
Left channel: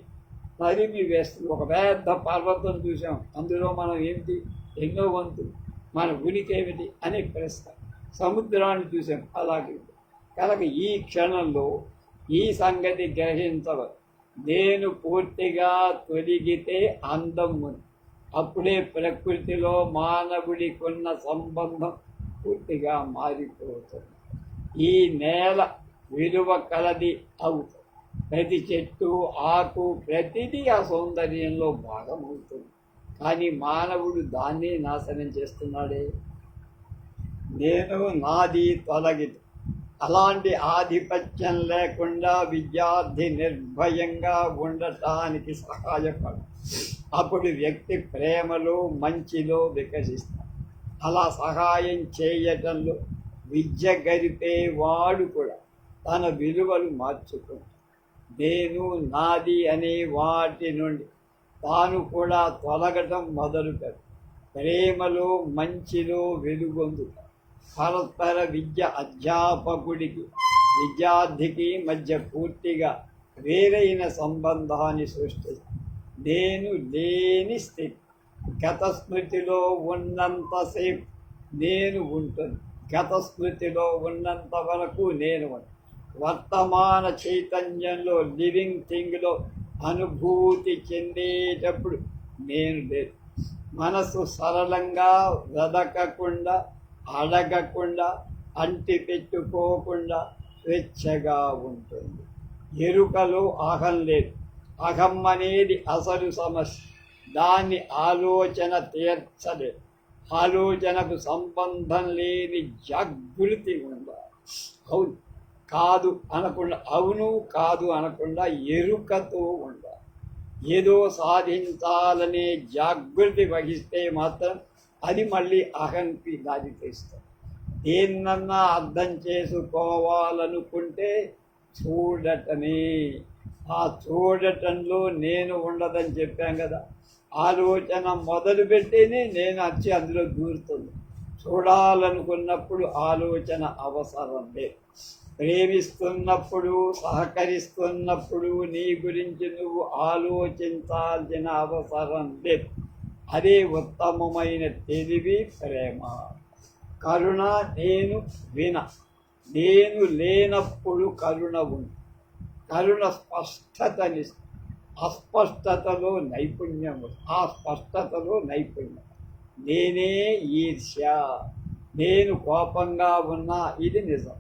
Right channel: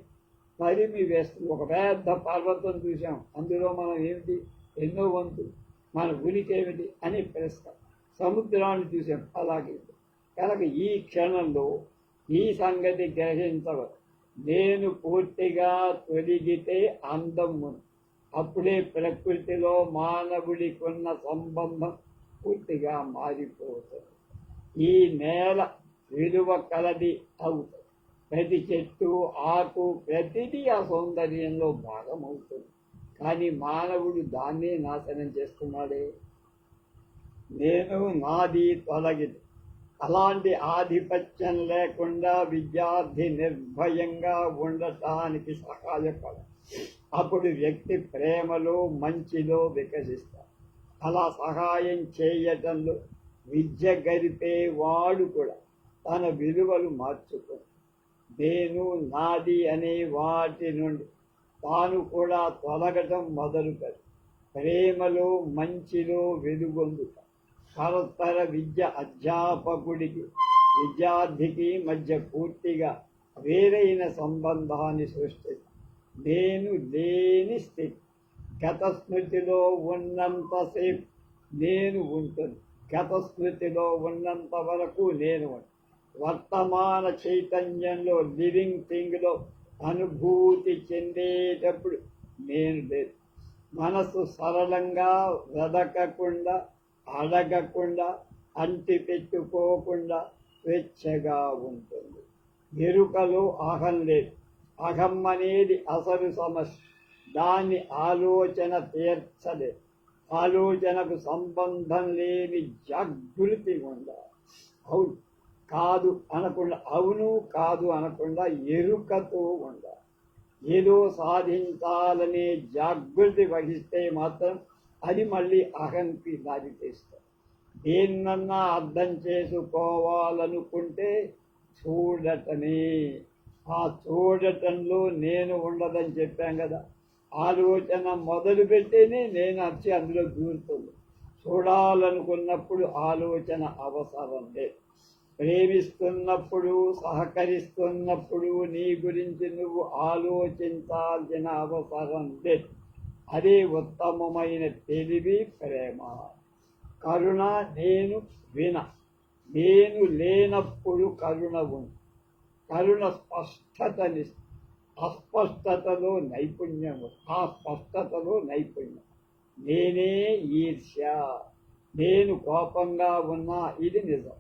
తరిమి వేస్తుంది. ఒక పెద్ద పర్వతం చూసాం, అందులో మనం ఏమిటి, ఎన్నో వంతులు మన ఉనికి ఏమిటి అనే ప్రశ్న. సముద్రాన్ని చూసాం, అలాగే. కనుక ఈ క్షణంలో ఈ సంగతి గ్రహించవ, నేను పూర్తిగా తొలగితే అందం ఉంది. అప్పుడే ప్రకృతిలో మానవుడికి ఉన్న సంబంధం పూర్తిగా మారిపోతుంది. ఈ నేల విలువ కలది అవుతుంది. ప్రతి చెట్టు, ఆకు, ప్రతిదీ ఆ సౌందర్యంలో భాగమవుతుంది. కానీ మానవుడు దాన్నే నాశనం చేస్తున్నాడే. నేను నాది తొలగిదు. అలాంటి ఆధిపత్యం లేకుండా విద్యార్థి నిర్భయంగా ఉండటానికి సహాయపడు. అప్పుడు వ్యక్తి ప్రేమలో, మంచిలో వికసిస్తాడు. అలా సహాయం చేయటంలో విద్య గరిపేవాడు కూడా తన విలువలు మార్చుకుంటాడు. నేను నాది అనే వాటి నుండి తాను కూడా తొలగటం మొదలుపెడు. ప్రేమలో, మంచిలో వెలుగొందుతాడు. పరస్పర విద్య అధ్యాపకుడికి విద్యార్థికి మధ్య పూర్తిగా వేరైన సంబంధాన్ని సృష్టిస్తుంది. నేను లేని స్థితి. గత స్మృతిలో ఉన్నంతసేపు నేను ఉంటుంది. గత స్మృతిలో ఉన్నంత వరకు నేను ఉంటాను. వర్తమాన చైతన్యంలో, లివింగ్ థింగ్లో అనుభూతి చెందేటప్పుడు నేను లేదు. మనసు సరళంగా, వెదకకుండా, అడగకుండా, అంటి పెట్టుకోకుండా స్వేచ్ఛగా ఉంటుంది. ఎరుకలో అహం లేదు. అహం అనేది అసలు సమస్య. దాన్ని ఆలోచన తీర్చలేదు. ఆలోచనకు సంబంధం లేని జాగృతి ఉండాలి. అవును కాదు అనకుండా, అవును కాదు అనకుండా ఎరుకతో ఉండాలి. ఏదో సాధించాలనే జాగృతి వహిస్తే మాత్రం అది మళ్ళీ అహంకి దారి తీస్తుంది. దేన్నన్నా అర్థం చేసుకోవాలనుకుంటే చూడటమే. ఆ చూడటంలో నేను ఉండదని చెప్పాం కదా. ఆలోచన మొదలుపెట్టేనే నేను వచ్చి అందులో దూరుతుంది. చూడాలనుకున్నప్పుడు ఆలోచన అవసరం లేదు. ప్రేమిస్తున్నప్పుడు, సహకరిస్తున్నప్పుడు నీ గురించి నువ్వు ఆలోచించాల్సిన అవసరం లేదు. అదే ఉత్తమమైన తెలివి, ప్రేమ. కరుణ నేను నేను లేనప్పుడు కరుణ ఉంది. కరుణ స్పష్టతని, అస్పష్టతలో నైపుణ్యం. ఆ స్పష్టతలో నైపుణ్యం. నేనే ఈర్ష్య. నేను కోపంగా ఉన్నా ఇది నిజం.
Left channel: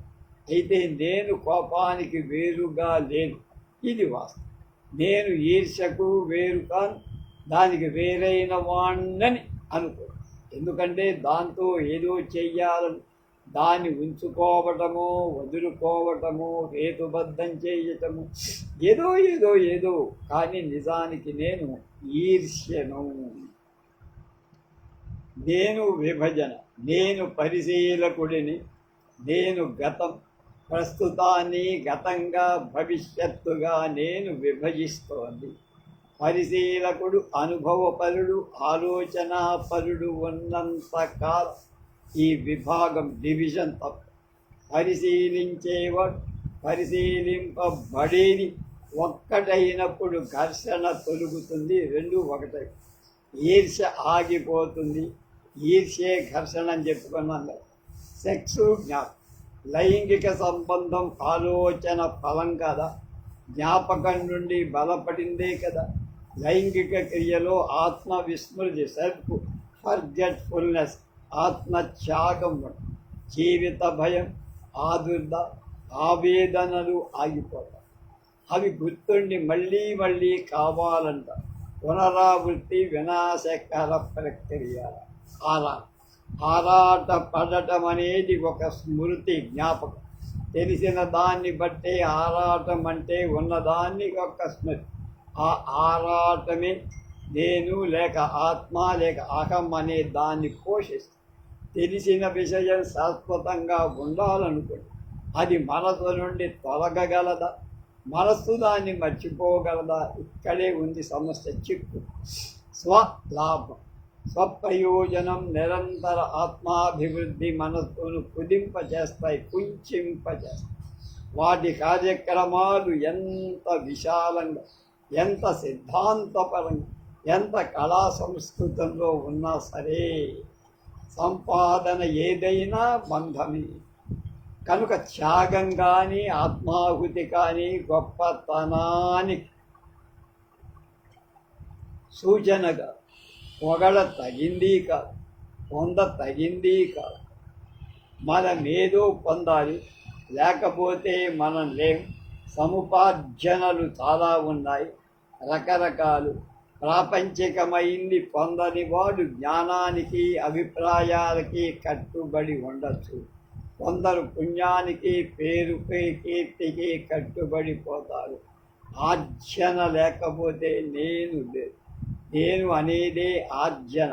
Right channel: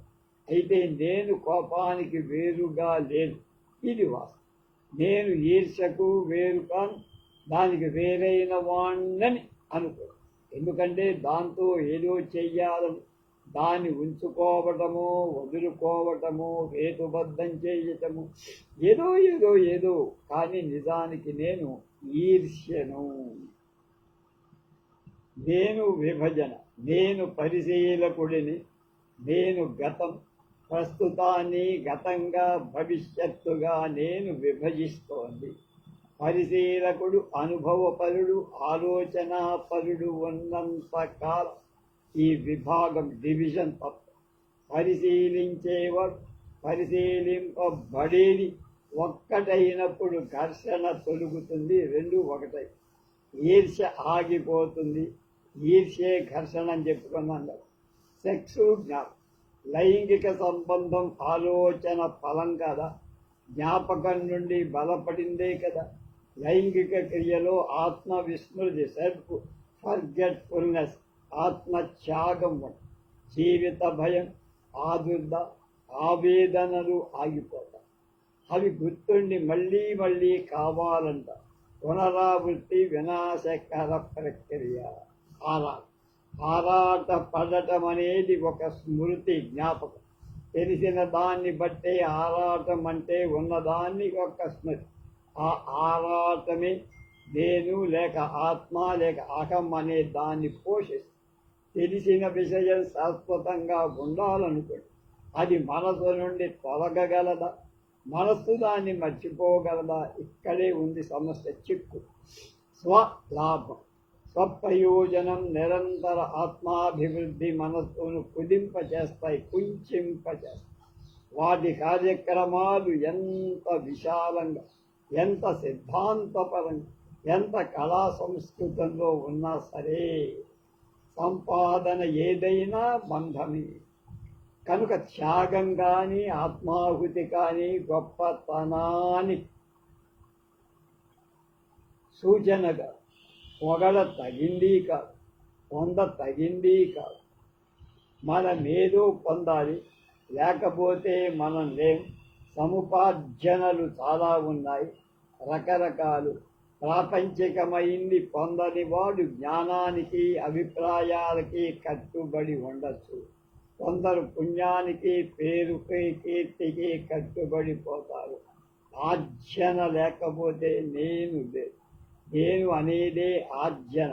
అయితే నేను కోపానికి వేరుగా లేను, ఇది వాస్తవం. నేను ఈర్ష్యకు వేరు కాను, దానికి వేరైన వాణ్ణని అనుకో. ఎందుకంటే దాంతో ఏదో చెయ్యాలని, దాన్ని ఉంచుకోవటము, వదులుకోవటము, హేతుబద్ధం చేయటము, ఏదో ఏదో ఏదో. కానీ నిజానికి నేను ఈర్ష్యను. నేను విభజన. నేను పరిశీలకుడిని. నేను గతం, ప్రస్తుతాన్ని గతంగా, భవిష్యత్తుగా నేను విభజిస్తోంది. పరిశీలకుడు, అనుభవపరుడు, ఆలోచనాపరుడు ఉన్నంతకాలం ఈ విభాగం, డివిజన్ తప్ప. పరిశీలించేవాడు, పరిశీలింపబడేది ఒక్కటైనప్పుడు ఘర్షణ తొలుగుతుంది. రెండు ఒకటై. ఈర్ష్య ఆగిపోతుంది. ఈర్ష్యే ఘర్షణ అని చెప్పుకున్నాం కదా. సెక్సు, జ్ఞాపకం. లైంగిక సంబంధం ఆలోచన ఫలం కదా. జ్ఞాపకం నుండి బలపడిందే కదా. లైంగిక క్రియలో ఆత్మ విస్మృతి, సెల్ఫ్ ఫర్గెట్ఫుల్నెస్, ఆత్మత్యాగం, జీవిత భయం, ఆదుర్ద, ఆవేదనలు ఆగిపోతాయి. అవి గుర్తుండి మళ్ళీ మళ్ళీ కావాలంట. పునరావృత్తి వినాశకర ప్రక్రియ. ఆరాట పడటం అనేది ఒక స్మృతి, జ్ఞాపకం. తెలిసిన దాన్ని బట్టే ఆరాటం అంటే ఉన్నదాన్ని ఒక స్మృతి. ఆ ఆరాటమే నేను లేక ఆత్మ లేక అహం అనే దాన్ని పోషిస్తుంది. తెలిసిన విషయం శాశ్వతంగా ఉండాలనుకోండి, అది మనసు నుండి తొలగగలదా? మనస్సు దాన్ని మర్చిపోగలదా? ఇక్కడే ఉంది సమస్య, చిక్కు. స్వలాభం, స్వప్రయోజనం, నిరంతర ఆత్మాభివృద్ధి మనస్సును కుదింపచేస్తాయి, కుంచింపచేస్తాయి. వాటి కార్యక్రమాలు ఎంత విశాలంగా, ఎంత సిద్ధాంతపరంగా, ఎంత కళా సంస్కృతంలో ఉన్నా సరే సంపాదన ఏదైనా బంధమే. కనుక త్యాగం కానీ ఆత్మాహుతి కానీ గొప్పతనానికి సూచనగా పొగడ తగింది కాదు, పొంద తగింది కాదు. మనమేదో పొందాలి, లేకపోతే మనం లేం. సముపార్జనలు చాలా ఉన్నాయి, రకరకాలు. ప్రాపంచికమైంది పొందని వాడు జ్ఞానానికి అభిప్రాయాలకి కట్టుబడి ఉండొచ్చు. కొందరు పుణ్యానికి, పేరుకి, కీర్తికి కట్టుబడిపోతారు. ఆర్జన లేకపోతే నేను లేదు. నేను అనేదే ఆర్జన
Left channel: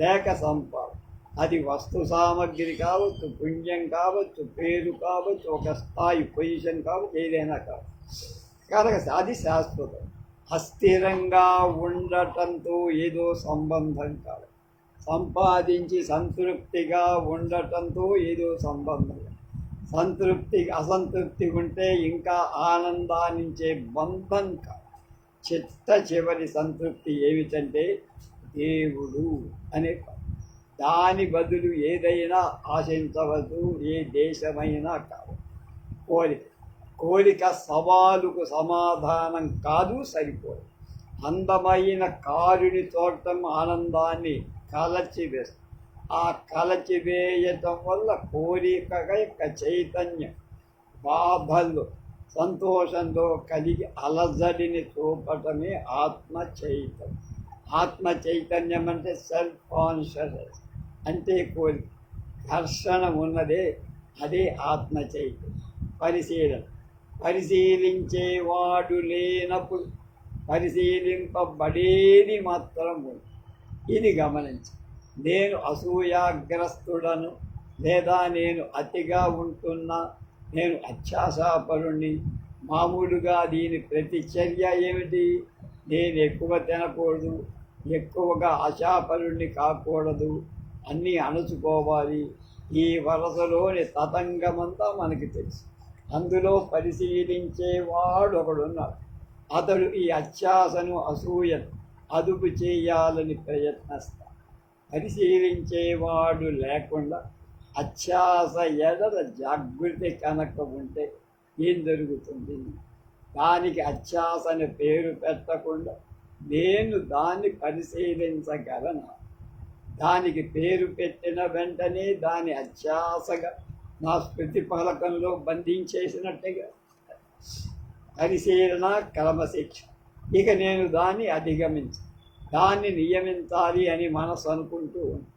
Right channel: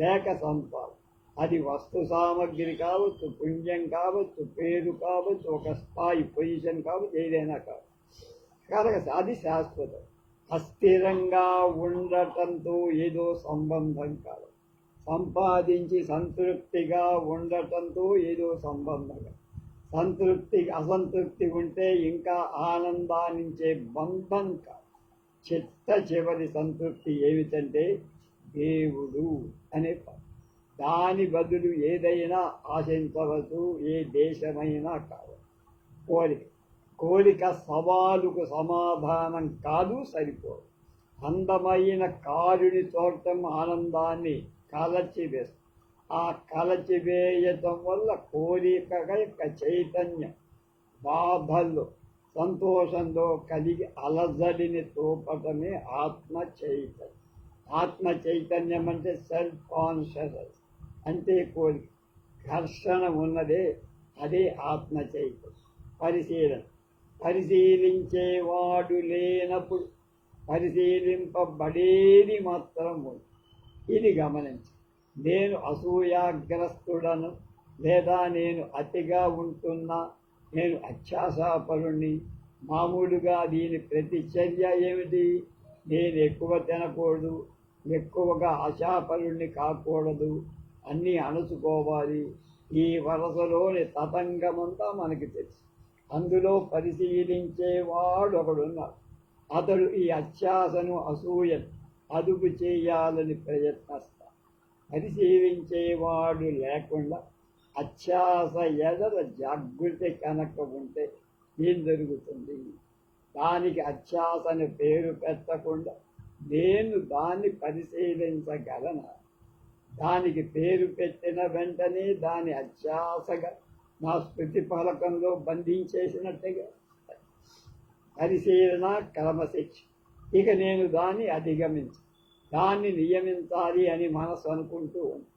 లేక సంపాదన. అది వస్తు సామగ్రి కావచ్చు, పుణ్యం కావచ్చు, పేరు కావచ్చు, ఒక స్థాయి పొజిషన్ కావచ్చు, ఏదైనా కావచ్చు. కనుక అది శాశ్వతం. అస్థిరంగా ఉండటంతో ఏదో సంబంధం కాదు. సంపాదించి సంతృప్తిగా ఉండటంతో ఏదో సంబంధం. అసంతృప్తి ఉంటే ఇంకా ఆనందాన్నించే బంధం కాదు. చివరి సంతృప్తి ఏమిటంటే దేవుడు అనే పదం. దాని బదులు ఏదైనా ఆశించవచ్చు, ఏ దేశమైనా కాదు. కోరిక సవాలుకు సమాధానం కాదు, సరిపోదు. అందమైన కారుని చూడటం ఆనందాన్ని కలచివేస్తుంది. ఆ కలచివేయటం వల్ల కోరిక యొక్క చైతన్యం బాధల్లో, సంతోషంలో కలిగి అలజడిని చూపటమే ఆత్మ చైతన్యం. ఆత్మ చైతన్యం అంటే సెల్ఫ్ కాన్షియస్నెస్, అంటే కోరిక, ఘర్షణ ఉన్నదే, అదే ఆత్మ చైతన్యం. పరిశీలించేవాడు లేనప్పుడు పరిశీలింపబడేది మాత్రం ఉంది. ఇది గమనించి, నేను అసూయాగ్రస్తుడను, లేదా నేను అతిగా ఉంటున్నా, నేను అత్యాశాపరుణ్ణి. మామూలుగా దీని ప్రతిచర్య ఏమిటి? నేను ఎక్కువ తినకూడదు, ఎక్కువగా ఆశాపరుణ్ణి కాకూడదు, అన్నీ అణుచుకోవాలి. ఈ వరసలోని తతంగమంతా మనకి తెలుసు. అందులో పరిశీలించేవాడు ఒకడున్నాడు. అతడు ఈ అత్యాశను, అసూయను అదుపు చేయాలని ప్రయత్నిస్తాడు. పరిశీలించేవాడు లేకుండా అత్యాశ ఎడల జాగృతి కనుక ఉంటే ఏం జరుగుతుంది? దానికి అత్యాశని పేరు పెట్టకుండా నేను దాన్ని పరిశీలించగలను. దానికి పేరు పెట్టిన వెంటనే దాని అత్యాశగా నా స్మృతి ఫలకంలో బంధించేసినట్టుగా. పరిశీలన క్రమశిక్ష. ఇక నేను దాన్ని దాన్ని నియమించాలి అని మనసు అనుకుంటూ ఉంది.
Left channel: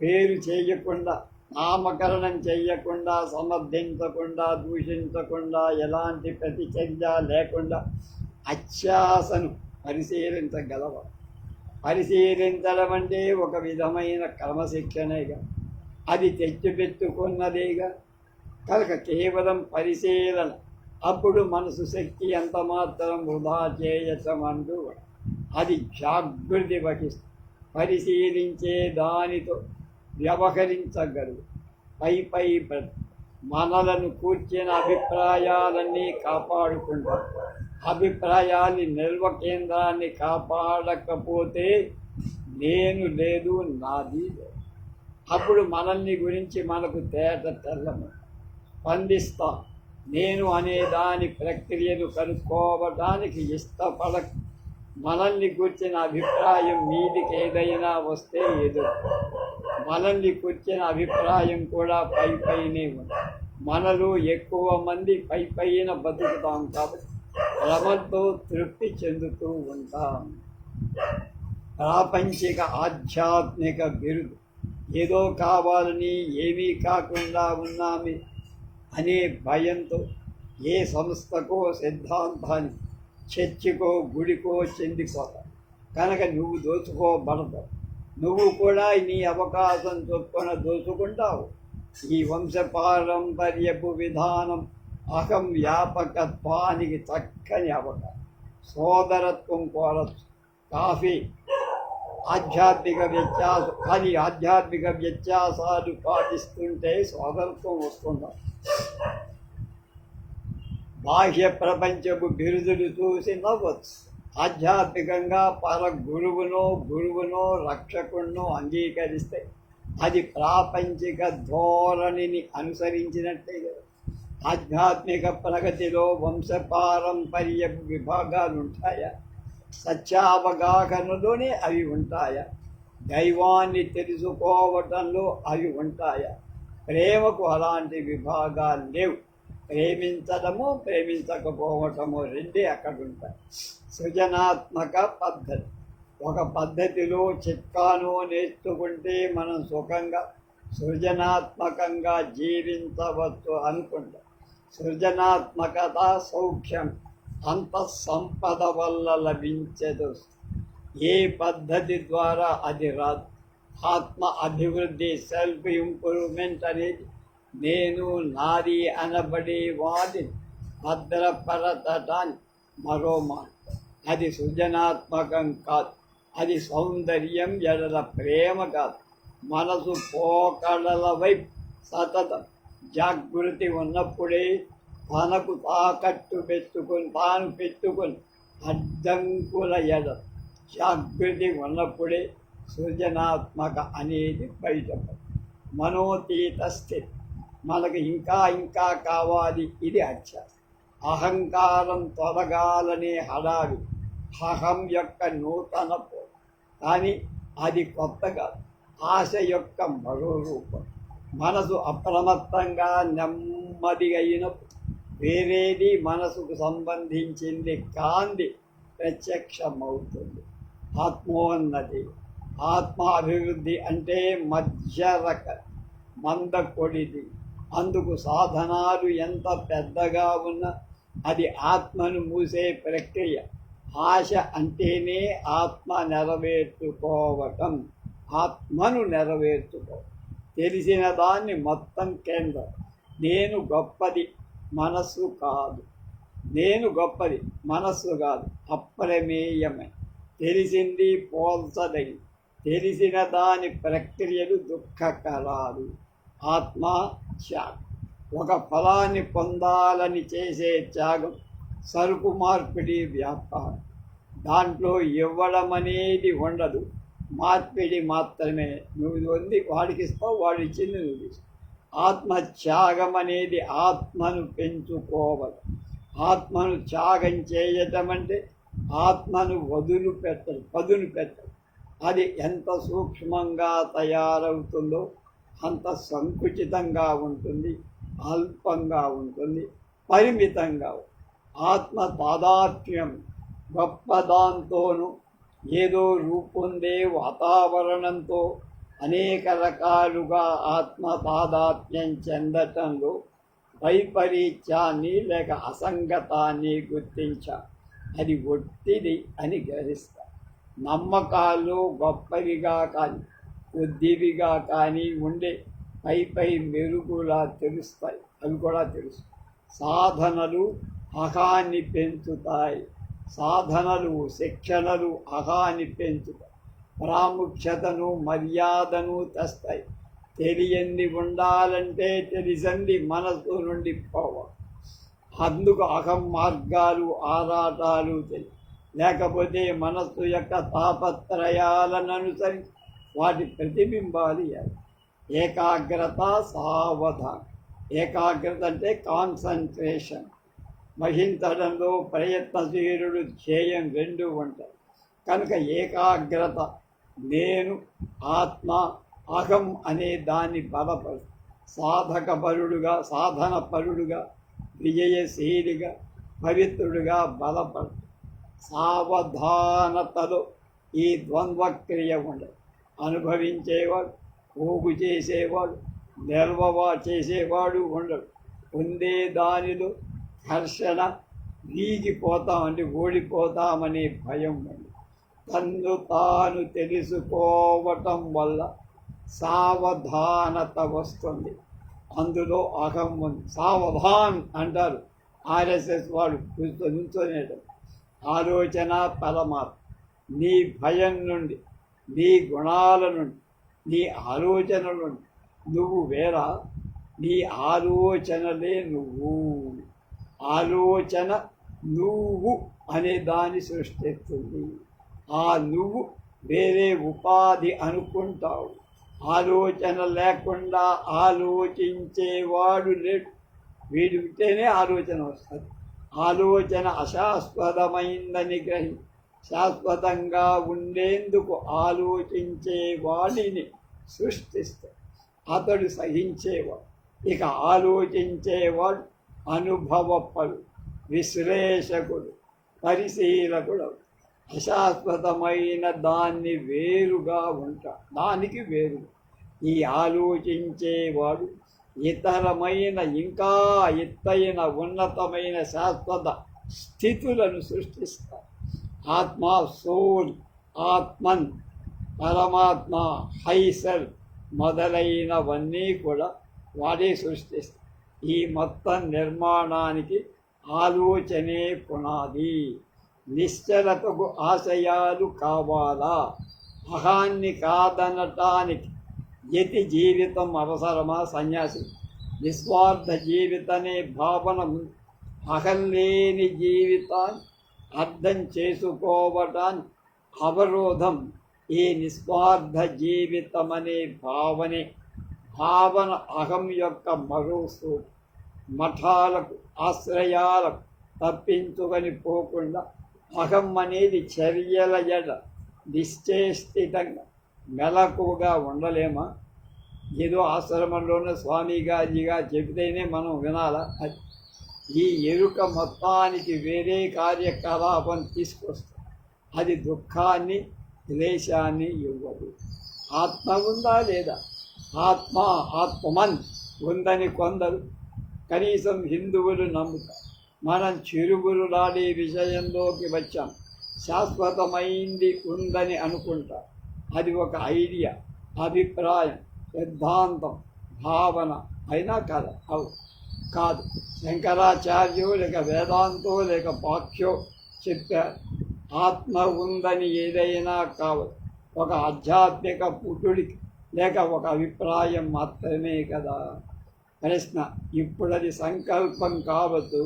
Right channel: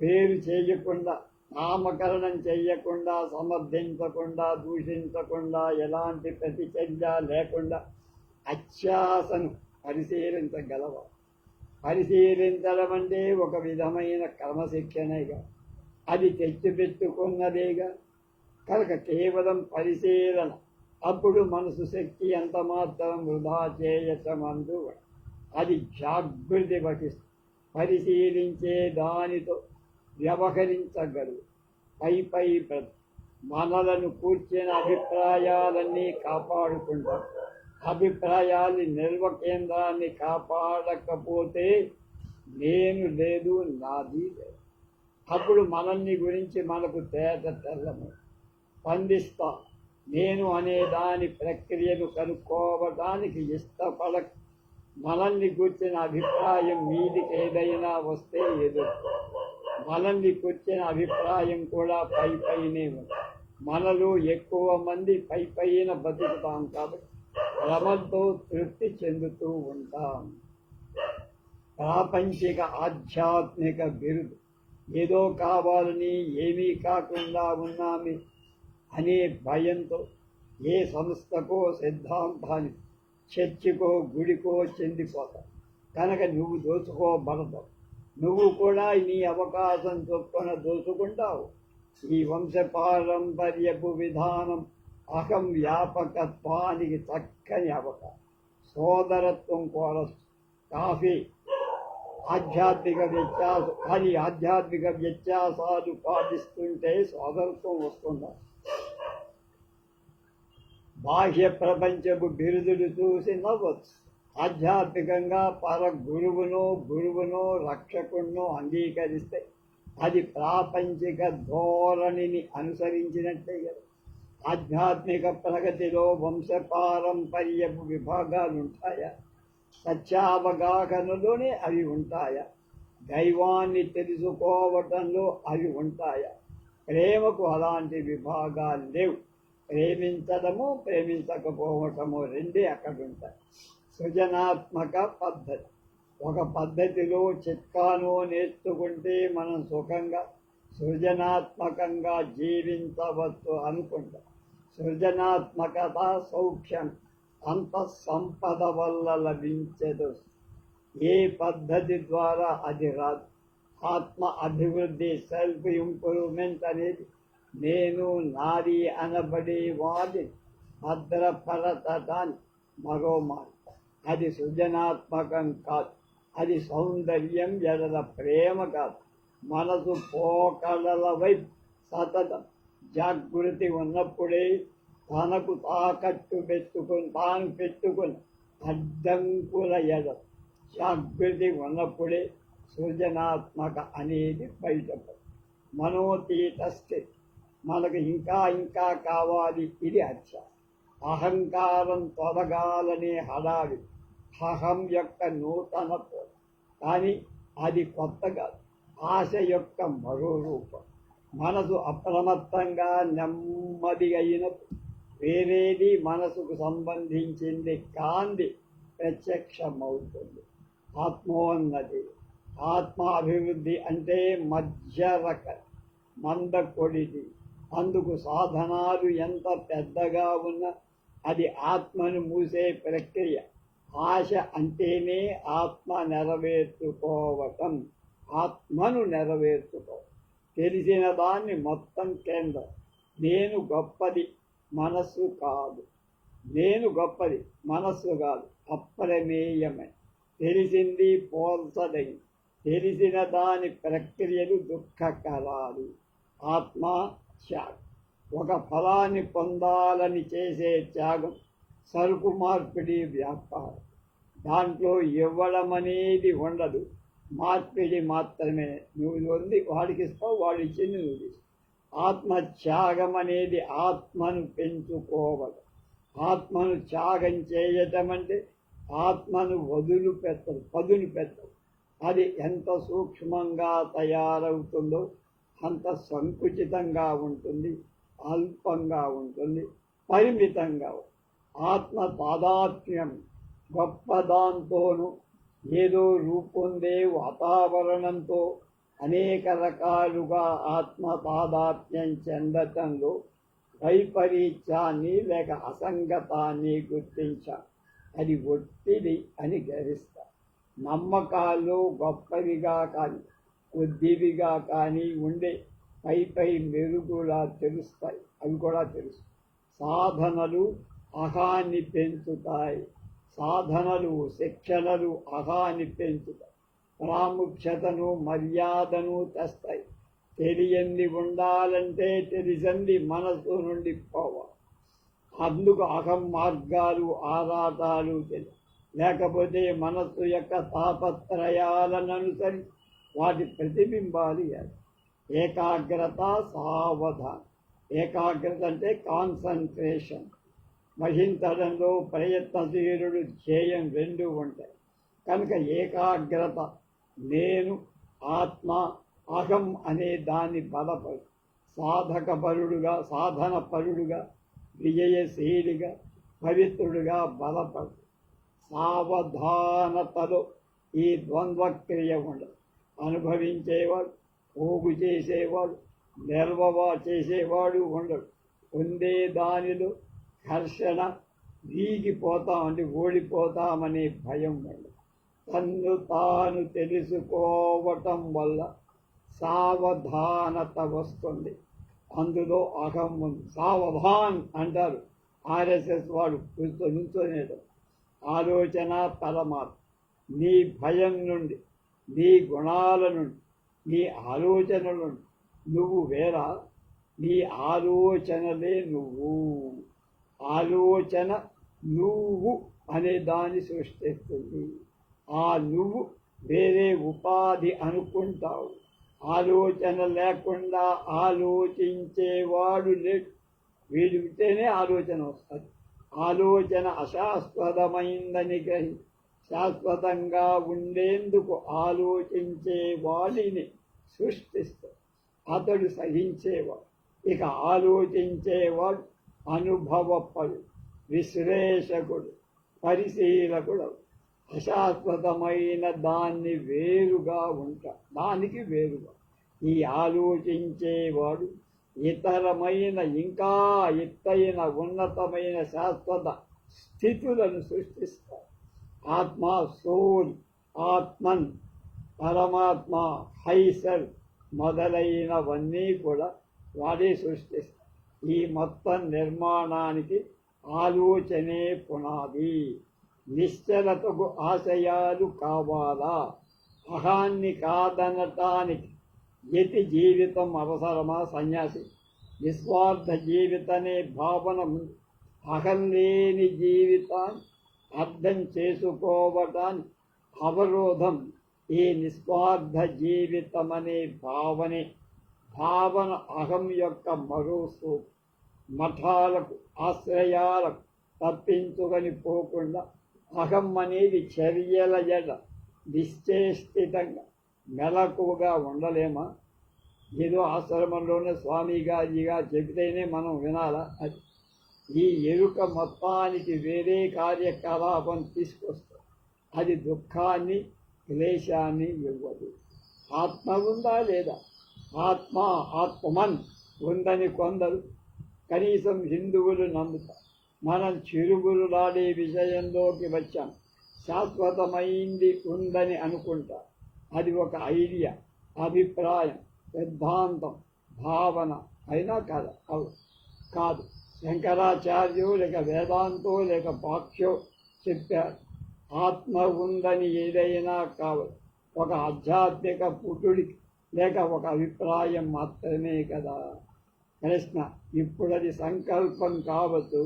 పేరు చేయకుండా, నామకరణం చేయకుండా, సమర్థించకుండా, దూషించకుండా, ఎలాంటి ప్రతిచర్య లేకుండా అత్యాశను పరిశీలించగలవా? పరిశీలించడం అంటే ఒక విధమైన క్రమశిక్షణేగా, అది తెచ్చిపెట్టుకున్నదేగా. కనుక కేవలం పరిశీలన, అప్పుడు మనసు శక్తి ఎంత మాత్రం వృధా చేయటమంటూ అది జాగృతి వహిస్తుంది. పరిశీలించే దానితో వ్యవహరించగలరు. పై మనలను కూర్చిన అభిప్రాయాలన్నీ కాపాడుకుంటారు. అభిప్రాయాన్ని నిల్వ కేంద్రాన్ని కాపాడకపోతే నేను లేదు, నాది లేదు. అప్పుడు మనల్ని గురించి మనకు తెల్లము స్పందిస్తాం. నేను అనే దాని ప్రక్రియను కనుక్కోవడానికి ఇష్టపడక మనల్ని కూర్చిన అభిప్రాయం మీదికి ఏదైనా వస్తే ఎదురు. మనల్ని కూర్చిన అభిప్రాయం కూడా పైనే ఉంది. మనలో ఎక్కువ మంది పైన బతుకుతాం కాబట్టి శ్రమతో తృప్తి చెందుతూ ఉంటాం. ప్రాపంచిక ఆధ్యాత్మిక బిరుదు ఏదో కావాలని ఏమీ కాకుండా ఉన్నామే అనే భయంతో ఏ సంస్థకో సిద్ధాంతానికి చర్చికో గుడికో చెందిపోతావు. కనుక నువ్వు దోచుకోబడతావు. నువ్వు కూడా నీ అవకాశం చొప్పున దోచుకుంటావు. ఈ వంశపారంపర్యపు విధానం అహం వ్యాపకత్వానికి చక్కని అవకాశం. సోదరత్వం కోరచ్చు. కాఫీ ఆధ్యాత్మిక వ్యత్యాసం, కానీ ఆధ్యాత్మిక వ్యత్యాసాలు పాటిస్తుంటే సోదరత్వం వస్తుందా? బాహ్య ప్రపంచపు బిరుదులు చూసి నవ్వచ్చు. ఆధ్యాత్మికంగా గురువునో రక్షకుడినో అంగీకరిస్తే అది ప్రాపంచిక ధోరణిని అనుసరించినట్టే కదా. ఆధ్యాత్మిక ప్రగతిలో వంశపారంపర్యపు విభాగాలు ఉంటాయా? సత్యావగాహనలోనే అవి ఉంటాయా? దైవాన్ని తెలుసుకోవటంలో అవి ఉంటాయా? ప్రేమకు అలాంటి విభాగాలు లేవు. ప్రేమించడము ప్రేమించకపోవటము రెండే అక్కడ ఉంటాయి. సృజనాత్మక పద్ధతి ఒక పద్ధతిలో చిట్కాను నేర్చుకుంటే మనం సుఖంగా సృజనాత్మకంగా జీవించవచ్చు అనుకుంటాం. సృజనాత్మకత సౌఖ్యం అంతఃసంపద వల్ల లభించదు. ఏ పద్ధతి ద్వారా అది రాదు. ఆత్మ అభివృద్ధి, సెల్ఫ్ ఇంప్రూవ్మెంట్ అనేది నేను నాది అనబడే వాడి భద్రపరచటానికి మరో మార్గం. అది సృజనాత్మకం కాదు. అది సౌందర్యం ఎడల ప్రేమ కాదు. మనసు పోకడల వైపు సతతం జాగృతి ఉన్నప్పుడే తనకు తాకట్టు పెట్టుకొని అడ్డంకుల ఎడల జాగృతి ఉన్నప్పుడే సృజనాత్మక అనేది బయటపడు. మనోతీత స్థితి మనకు ఇంకా కావాలి. ఇది అత్యాశ. అహంకారం తొలగాలనే హడావి అహం యొక్క నూతన కానీ అది కొత్త కాదు. ఆశ యొక్క మరో రూపం. మనసు అప్రమత్తంగా నెమ్మదిగా అయినప్పుడు వేరేది మనసుకు సంబంధించింది కాంది ప్రత్యక్షమవుతుంది. ఆత్మోన్నతి, ఆత్మ అభివృద్ధి అంటే మధ్యరక మందకొడిది. అందుకు సాధనాలు ఎంత పెద్దగా ఉన్నా అది ఆత్మను మూసే ప్రక్రియ. ఆశ అంటేనే ఆత్మ నెరవేర్చుకోవటం, ఆత్మను నెరవేర్చుకోవటం. తెలిసిన దాన్ని మొత్తం కేంద్రం. నేను గొప్పది, మనస్సు కాదు. నేను గొప్పది, మనస్సు కాదు. అప్రమేయమే. తెలిసింది పోల్చదగి. తెలిసిన దాని ప్రక్రియలు దుఃఖకరాలు. ఆత్మ త్యాగం. ఒక ఫలాన్ని పొందాలని చేసే త్యాగం సరుకు మార్పిడి వ్యాపారం. దాంట్లో ఇవ్వడం అనేది ఉండదు, మార్పిడి మాత్రమే. నువ్వు పొంది వాడికి ఇస్తావు, వాడు ఇచ్చింది నువ్వు తీస్తావు. ఆత్మత్యాగం అనేది ఆత్మను పెంచుకోవడం. ఆత్మను త్యాగం చేయటం అంటే ఆత్మను పదును పెట్టడం. అది ఎంత సూక్ష్మంగా తయారవుతుందో అంత సంకుచితంగా ఉంటుంది, అల్పంగా ఉంటుంది, పరిమితంగా. ఆత్మ తాదాత్మ్యం గొప్పదాంతోనూ ఏదో రూపొందే వాతావరణంతో అనేక రకాలుగా ఆత్మ తాదాత్మ్యం చెందటంలో వైపరీత్యాన్ని లేక అసంగతాన్ని గుర్తించా. అది ఒత్తిడి అని గ్రహిస్తా. నమ్మకాలు గొప్పవిగా కానీ కొద్దివిగా కానీ ఉండే పై మెరుగులా తెలుస్తాయి. అవి కూడా తెలుసు. సాధనలు అహాన్ని పెంచుతాయి. సాధనలు శిక్షణలు అహాన్ని పెంచుతాయి. ప్రాముఖ్యతను మర్యాదను తెస్తాయి. తెలియంది ఉండాలంటే తెలిసింది మనసు నుండి పోవాలి. అందుకు అహం మార్గాలు ఆరాటాలు తెలియ. లేకపోతే మనస్సు యొక్క తాపత్రయాలను అనుసరించి వాటి ప్రతిబింబాలు ఏకాగ్రత, సావధానం. ఏకాగ్రత అంటే కాన్సన్ట్రేషన్. వహించడంలో ప్రయత్నశీలుడు ధ్యేయం రెండు ఉంటాయి. కనుక ఏకాగ్రత నేను ఆత్మ అహం అనే దాన్ని బలపరుస్తుంది. సాధకపరుడుగా, సాధనపరుడుగా, విజయశీలిగా, పవిత్రుడుగా బలపడు. సావధానతలో ఈ ద్వంద్వక్రియ ఉండదు. అనుభవించేవాడు, పోగు చేసేవాడు, నిల్వవా చేసేవాడు ఉండడు. పొందే దానిలో ఘర్షణ, వీగిపోతామంటే ఓడిపోతామనే భయం ఉండదు. తన్ను తాను తెలుసుకోవటం వల్ల సావధానత వస్తుంది. అందులో అహం ఉంది. సావధాన్ అంటారు ఆర్ఎస్ఎస్ వాడు నుంచోనేటం. ఆలోచన పరమాత్మ. నీ భయం నుండి, నీ గుణాల నుండి, నీ ఆలోచనల నుండి నువ్వు వేరా. నీ ఆలోచనలే నువ్వు. ఆలోచన నువ్వు అనే దాన్ని సృష్టిస్తుంది. ఆ నువ్వు వేరే ఉపాధి అనుకుంటావు. ఆలోచన లేకుండా ఆలోచించేవాడు లేడు. వీడు ఉంటేనే ఆలోచన వస్తుంది. ఆలోచన అశాశ్వతమైందని గ్రహి శాశ్వతంగా ఉండేందుకు ఆలోచించే వాడిని సృష్టిస్తాడు. అతడు సహించేవాడు. ఇక ఆలోచించేవాడు అనుభవపడు, విశ్లేషకుడు, పరిశీలకుడు. అశాశ్వతమైన దాన్ని వేరుగా ఉంటాడు. దానికి వేరుగా ఈ ఆలోచించేవాడు ఇతరమైన, ఇంకా ఎత్తైన, ఉన్నతమైన శాశ్వత స్థితులను సృష్టిస్తాడు. ఆత్మ, సోల్, ఆత్మన్, పరమాత్మ, హైసల్ మొదలైనవన్నీ కూడా వాడే సృష్టిస్తాడు. ఈ మొత్తం నిర్మాణానికి ఆలోచనే పునాది. నిశ్చలతకు ఆశయాలు కావాలా? అహాన్ని కాదనటానికి యతి జీవితం అవసరమా? సన్యాసి నిస్వార్థ జీవితనే భావన ఉంది. అహం లేని జీవితాన్ని అర్థం చేసుకోవటానికి అవరోధం ఈ నిస్వార్థ జీవితం అనే భావనే. భావన అహం యొక్క మరో సూత్రం. మఠాలకు, ఆశ్రయాలకు తప్పించుకొని పోకుండా అహం అనేది చర్యల ఎడ నిశ్చేష్టితంగా మెలకువగా ఉండలేమా? ఏదో ఆశ్రమంలోనే స్వామిగాజిగా చెబితేనే మనం వినాలా? అది ఈ ఎరుక మొత్తానికి వేరే కార్యకలాపం తీసుకొస్తుంది. అది దుఃఖాన్ని, క్లేశాన్ని ఇవ్వదు. ఆత్మ ఉందా లేదా? ఆత్మ, ఆత్మన్ ఉందని కొందరు, కనీసం హిందువులు నమ్ముతారు. మనం చిరుగురులాడే విషయంలోకి వచ్చాం. శాశ్వతమైంది ఉందని అనుకుంటాం. అది ఒక ఐడియా, అభిప్రాయం, సిద్ధాంతం, భావన అయినా కాదు. కాదు. శంకరాచార్యో లేక వేదాంతో లేక పాక్ష్యో చెప్పారు. ఆత్మ ఉందని ఏదైనా కావచ్చు. ఒక ఆధ్యాత్మిక పుట్టుడికి లేక ఒక అభిప్రాయం మాత్రమే కదా. ప్రశ్న: ఇప్పుడది సంకల్పం కావచ్చు,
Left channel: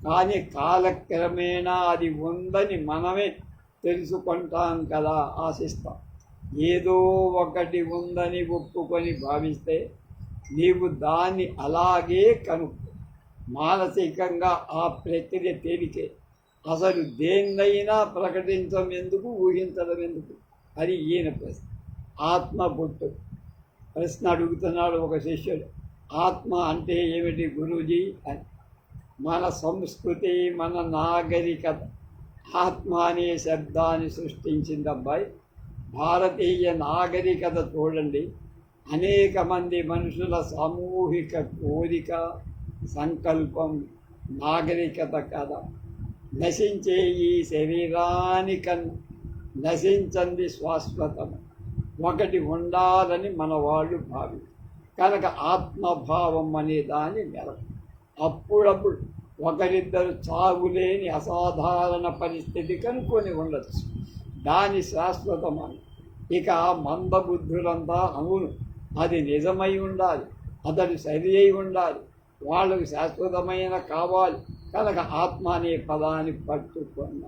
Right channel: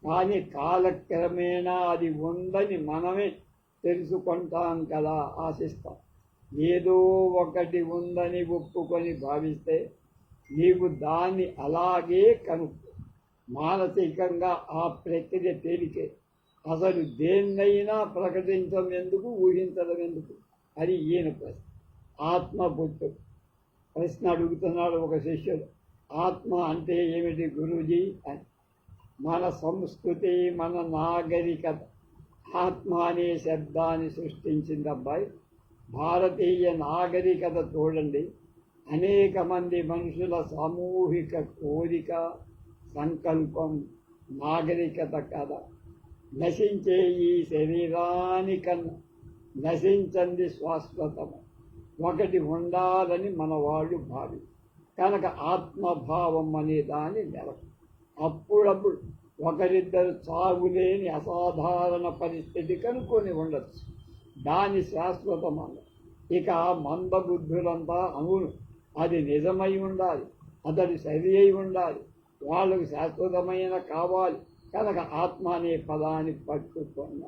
కానీ కాలక్రమేణా అది ఉందని మనమే తెలుసుకుంటాం కదా, ఆశిస్తాం. ఏదో ఒకటి ఉందని ఒప్పుకొని భావిస్తే నీవు దాన్ని అలాగే కనుక్కో. మానసికంగా ఆ ప్రక్రియ తేలికే. అసలు దేన్నైనా ప్రకటించడం ఎందుకు, ఊహించడం ఎందుకు? అది ఈయన ప్రశ్న. ఆత్మ పుట్టు ప్రశ్న అడుగుతున్నాడు ఒక శిష్యుడు. ఆత్మ అంటే ఏమిటి గురూజీ అని. మన సంస్కృతి, మన నాగరికత ఆత్మ అనే శబ్దాన్ని సృష్టించింది అబ్బాయి. భారతీయ నాగరికత చూడండి, అనేక మంది మనుషుల సామూహిక కోరిక, సంకల్పం నాగరికత కదా. నశించే ఈ శరీరానికన్నా నశించంది శాశ్వతం. ఒకటి ఉండాలని మన వాళ్ళు భావి కనుక ఆత్మభావం అనే దాని నెలకు. అప్పుడప్పుడు ఒకరిద్దరు చావులేని అసాధారణ పరిస్థితి కనుక్కొని ఉండొచ్చు. దాని శాశ్వతమన్న. ఇక మందబుద్ధులంతా అవును అది నిజమై ఉండాలి, అతడు సరి అయి ఉండాలి, వాళ్ళకు శాశ్వతమైన కావాలి కనుక ఆత్మ అనే పదాన్ని పట్టుకున్న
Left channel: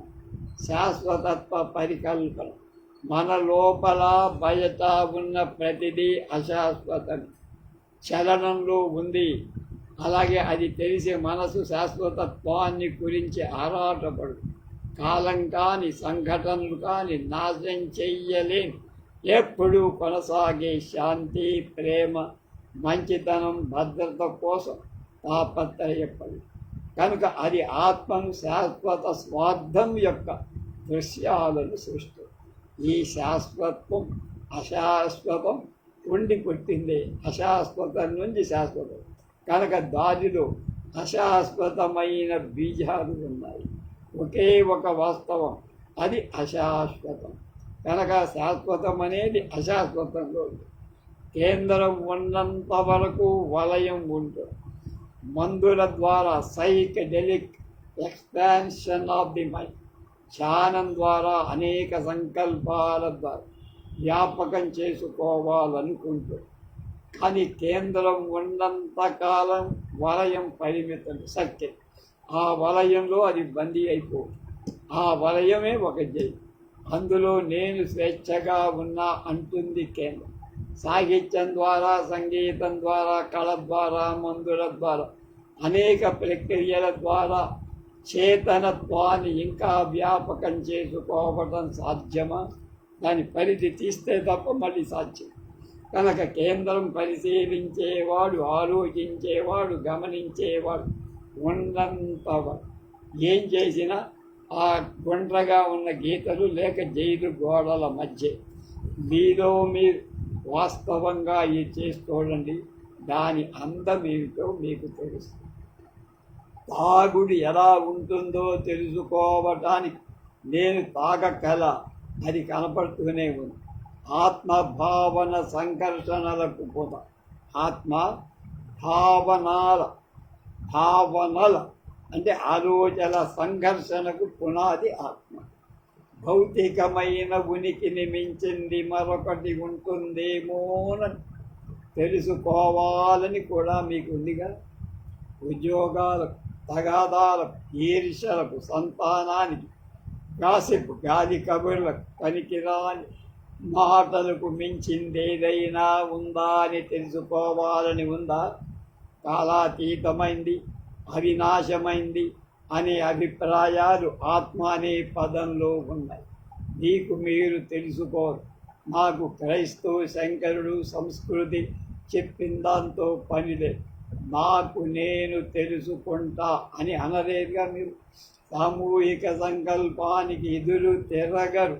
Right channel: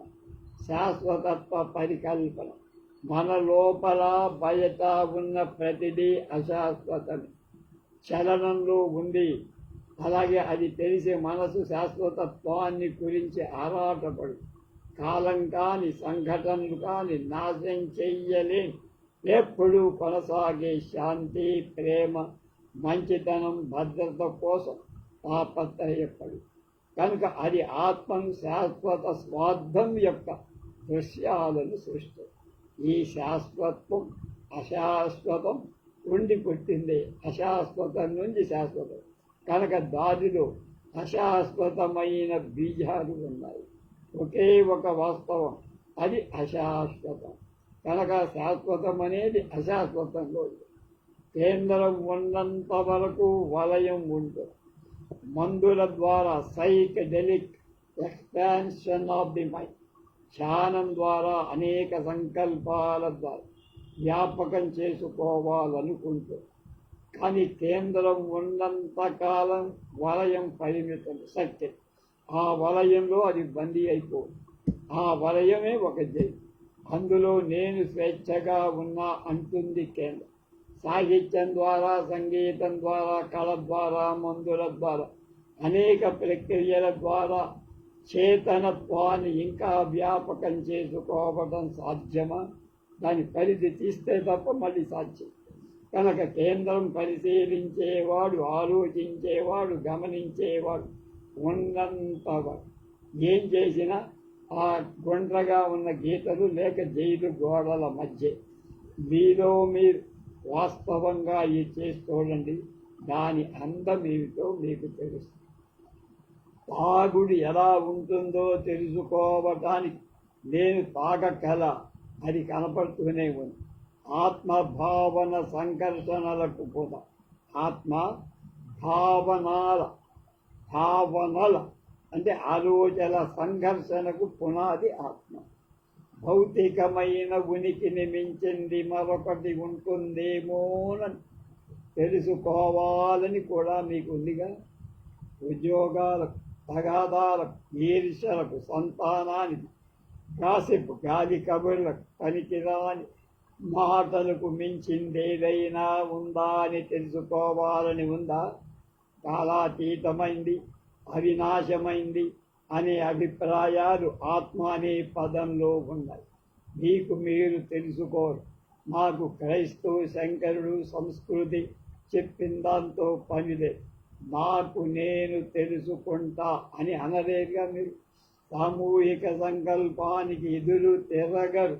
శాశ్వతత్వ పరికల్పన. మన లోపల బయట ఉన్న ప్రతిదీ అశాశ్వతం, చలనంలో ఉంది. అలాగే అది తెలిసి మనసు శాశ్వతత్వాన్ని గురించి ఆరాటపడు. కాలం కాని, సంఘటనలు కాని నాశనం చెయ్యలేని, ఎప్పుడూ కొనసాగే శాంతి, ప్రేమ, మంచితనం భద్రత కోసం తాపత్రయపడు. కనుక అది ఆత్మను శాశ్వత స్వార్థం యొక్క దృశ్యాలను సృష్టి. ఈ శాశ్వత్వం అశాశ్వతం ఉండి పుట్టిందే, అశాశ్వతం నుంచి శాశ్వతం. కనుక దానిలో అశాశ్వతమైన బీజాలు ఉన్నాయి. ఒకే ఒక వాస్తవం, అది అశాశ్వతం. కనుక శాశ్వతం అనేది అశాశ్వతంలో ఉంది. కేంద్రం ఉన్నంత వరకు వలయం ఉంటుంది. మందుల ద్వారా psychedelic expansion of the mind, ధ్యానం ద్వారా అనేక సంకల్పాల ద్వారా జ్ఞాపకం చేసుకోవాలనుకుంటూ, కానీ కేంద్రం ఉన్నంతకాలం వలయం పరిమితం, సత్యం. ఆ వలయంలో అది బందీ అయిపోదు. ఆ వలయమే ఒక జై. అందులో నేను స్వేచ్ఛగా ఉన్నా అంటుంది కేంద్రం. సాహిత్యం ద్వారా, సంగీతం ద్వారా, కళ ద్వారా, మందుల ద్వారా, అనేక ప్రక్రియల ద్వారా చేతనత్వాన్ని ఇంకా వ్యాపకం చేసుకోవడం సాధ్యమా? దాని పరిధి తీస్తే తప్ప మళ్ళీ సాధ్యం. కనుక కేంద్రం పరిశీలించేవాడు, ఆలోచించేవాడు, గమనించేవాడు ఉన్నంతవాడు ఏం చేసినా ఆ గుండ్రగా ఉన్న గీతలు లేక జైలు గోడల మధ్య మీలో మీరు వాస్తవంగా ఇది చేసుకోండి. దాని అందం ఏమిటో మీకు తెలుస్తుంది. తాగుడు ఎలా ఉంటుందో తెలుసుకోవటానికి నేను తాగకల, అది కనపడుతూనే ఉంది. ఆత్మభావన సంఘర్షణలకు పోతా. ఆత్మ భావనల అంటే ఆలోచన సంఘర్షణకు పునాది ఆత్మ. భౌతికమైన ఉనికిని మించింది మరొకటి ఉంటుందేమోనని తెలుసుకోవాలని కూడా మీకు ఉందిగా. ఉద్యోగాలకు, తగాదాలకు, ఈర్ష్యలకు, సంతానానికి, గాసిప్ గాలి కబుర్లకు, పనికిరాని మాటలకు మించిందేదైనా ఉందా అని తెలుసుకోవాలని ఉందా? కాలాతీతమైంది, అవినాశమైంది అనే అభిప్రాయాలు ఆత్మ అనే పదంలో ఉన్నాయి. మీకు మీరు తెలుసుకోరు. నాకు క్రైస్తవ, శంకరుడు, సంస్కృతి చెప్పిన దాంతో పనిలేదు. నాకు నేను తెలుసుకుంటా అని అనలేదుగా మీరు. సామూహిక సంకల్పానికి ఎదురు తిరగరు.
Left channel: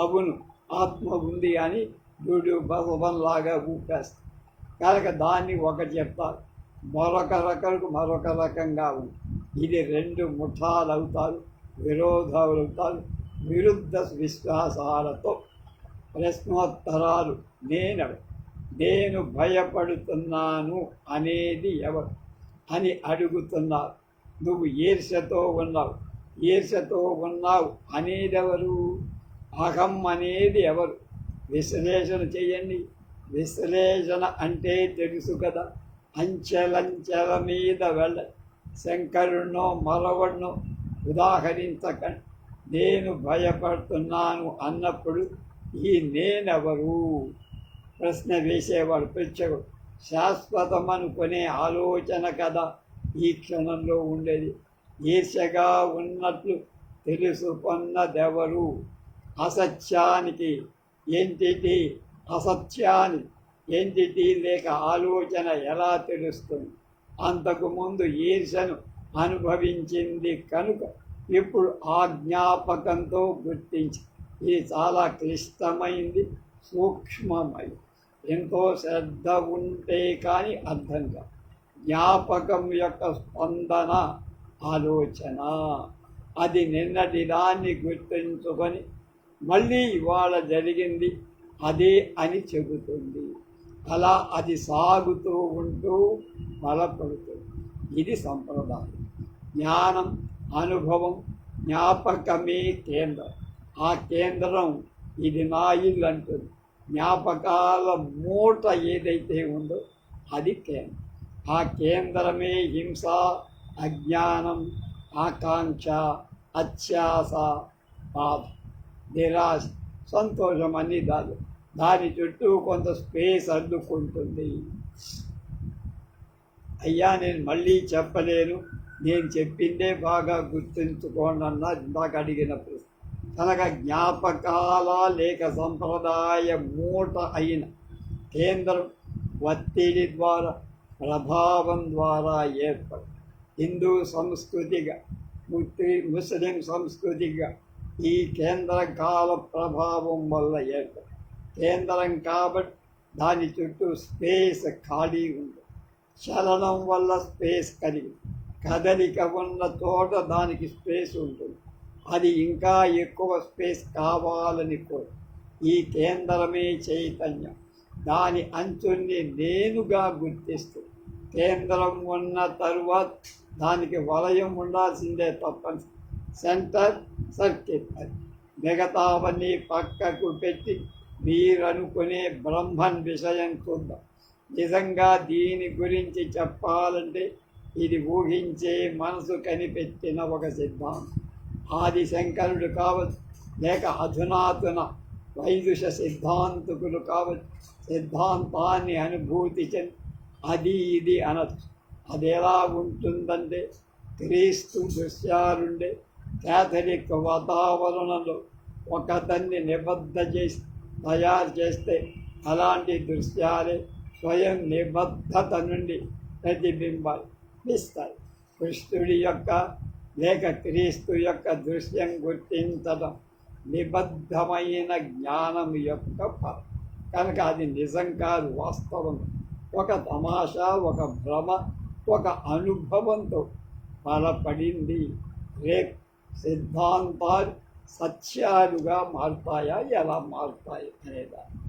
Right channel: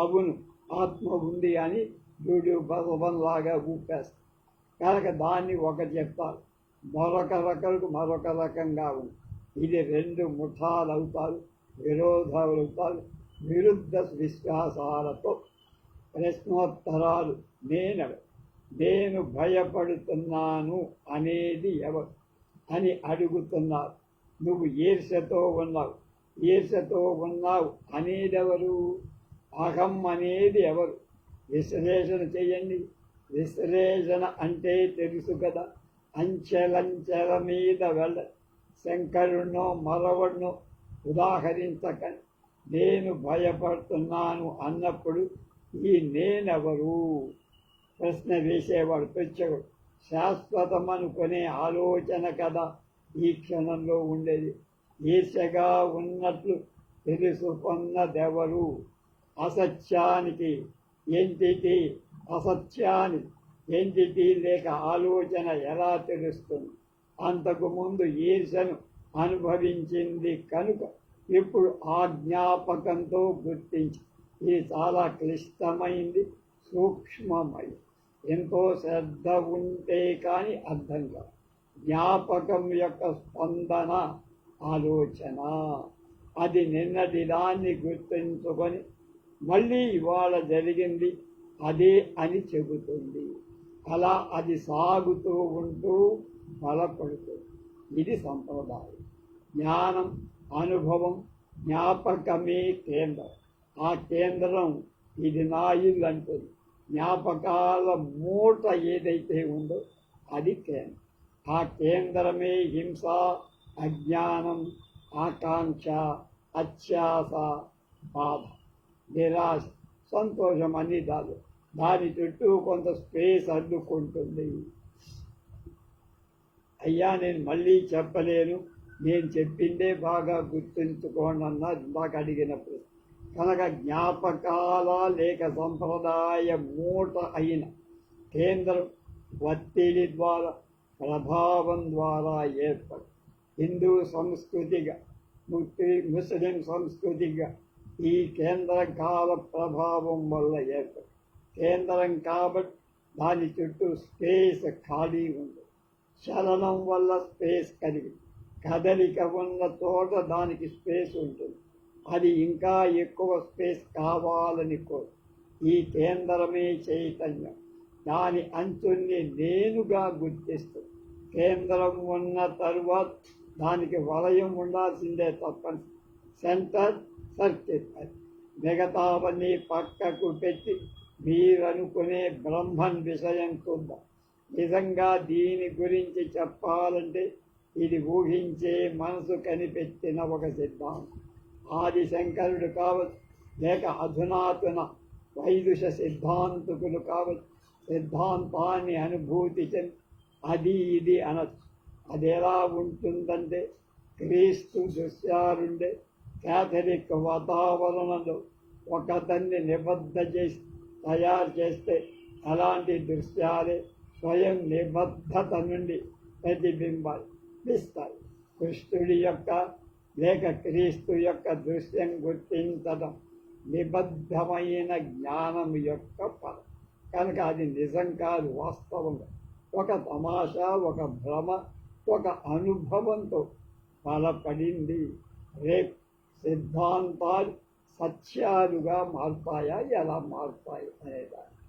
అవును, ఆత్మ ఉంది అని డూడు బసవన్లాగా ఊపేస్తారు. కనుక దాన్ని ఒక చెప్తారు, మరొక రకంగా ఉంది. ఇది రెండు ముఠాలు అవుతారు, విరోధాలు అవుతారు. విరుద్ధ విశ్వాసాలతో ప్రశ్నోత్తరాలు. నేను భయపడుతున్నాను అనేది ఎవరు అని అడుగుతున్నారు. నువ్వు ఈర్ష్యతో ఉన్నావు అనేదెవరు? అహం అనేది ఎవరు? విశ్లేషణ చేయండి. విశ్లేషణ అంటే తెలుసు కదా. అంచెలంచెల మీద వెళ్ళ శంకరుణ్ణో మరొకడినో ఉదాహరించకండి. నేను భయపడుతున్నాను అన్నప్పుడు ఈ నేనెవరు? ప్రశ్న వేసేవాడు ప్రత్యేకుడు. శాశ్వతం అనుకునే ఆలోచన కదా ఈ క్షణంలో ఉండేది. ఈర్ష్యగా ఉన్నట్లు తెలుసుకున్నదెవరు? అసత్యానికి ఎంటిటీ, అసత్యాన్ని ఎంటిటీ లేక ఆలోచన ఎలా తెలుస్తుంది? అంతకుముందు ఈర్ష్యను అనుభవించింది కనుక ఇప్పుడు ఆ జ్ఞాపకంతో గుర్తించి ఇది చాలా క్లిష్టమైంది, సూక్ష్మమైంది. ఎంతో శ్రద్ధ ఉంటే కానీ అర్థం కాదు. జ్ఞాపకం యొక్క స్పందన ఆలోచన. అది నిన్నటి దాన్ని గుర్తించుకొని మళ్ళీ ఇవాళ జరిగింది అదే అని చెబుతుంది. అలా అది సాగుతూ ఉంటూ బలపడుతుంది. ఇది సంప్రదాయం. జ్ఞానం, అనుభవం, జ్ఞాపకమే కేంద్రం. ఆ కేంద్రం ఇది నా ఇల్లు అంటుంది. జ్ఞాపకాల మూట ఏదైతే ఉందో అది కేంద్రం. ఆ కేంద్రమే హింస, అజ్ఞానం, ఆకాంక్ష, అత్యాస, బాధ, నిరాశ, సంతోషం అన్నీ దాని చుట్టూ కొంత స్పేస్ అడ్డుకుంటుంది. అయ్యా నేను మళ్ళీ చెప్పలేను, నేను చెప్పిందే బాగా గుర్తుంచుకోండి అన్నా ఇందాక అడిగినప్పుడు. కనుక జ్ఞాపకాల లేక సంప్రదాయ మూట అయిన కేంద్రం ఒత్తిడి ద్వారా ప్రభావం ద్వారా ఏర్పడి హిందూ సంస్కృతిగా ముస్లిం సంస్కృతిగా ఈ కేంద్ర కాల ప్రభావం వల్ల ఏర్పడి కేంద్రం కాబట్టి దాని చుట్టూ స్పేస్ ఖాళీ ఉంది. చలనం వల్ల స్పేస్ కలిగి కదలిక ఉన్న చోట దానికి స్పేస్ ఉంటుంది. అది ఇంకా ఎక్కువ స్పేస్ కావాలని కోరు. ఈ కేంద్రమే చైతన్యం. దాని అంచుని నేనుగా గుర్తిస్తూ కేంద్రం ఉన్న తరువాత దానికి వలయం ఉండాల్సిందే తప్పని సెంటర్ సర్కిల్. అది మిగతావన్నీ పక్కకు పెట్టి మీరనుకునే బ్రహ్మన్ విషయం చూద్దాం. నిజంగా దీని గురించి చెప్పాలంటే ఇది ఊహించే మనసు కనిపెట్టిన ఒక సిద్ధాంతం. ఆదిశంకరుడు కావచ్చు, లేక అధునాతన వైదుష సిద్ధాంతకులు కావచ్చు, సిద్ధాంతాన్ని అనుభూతి చెంది అది ఇది అనొచ్చు. అది ఎలా ఉంటుందంటే క్రీస్తు దృశ్యాలుండే క్యాథలిక్ వాతావరణంలో ఒకదాన్ని నిబద్ధ చేసి తయారు చేస్తే అలాంటి దృశ్యాలే స్వయం నిబద్ధత నుండి ప్రతిబింబిస్తాయి. కృష్ణుడి యొక్క లేక క్రీస్తు యొక్క దృశ్యం గుర్తించడం నిబద్ధమైన జ్ఞానం యొక్క ఫలం కనుక అది నిజం కాదు, వాస్తవం. ఒక తమాషా, ఒక భ్రమ, ఒక అనుభవంతో బలపడింది. రేపు సిద్ధాంతాలు సత్యాలుగా మారుతాయా, ఎలా మారుతాయి అనేదాన్ని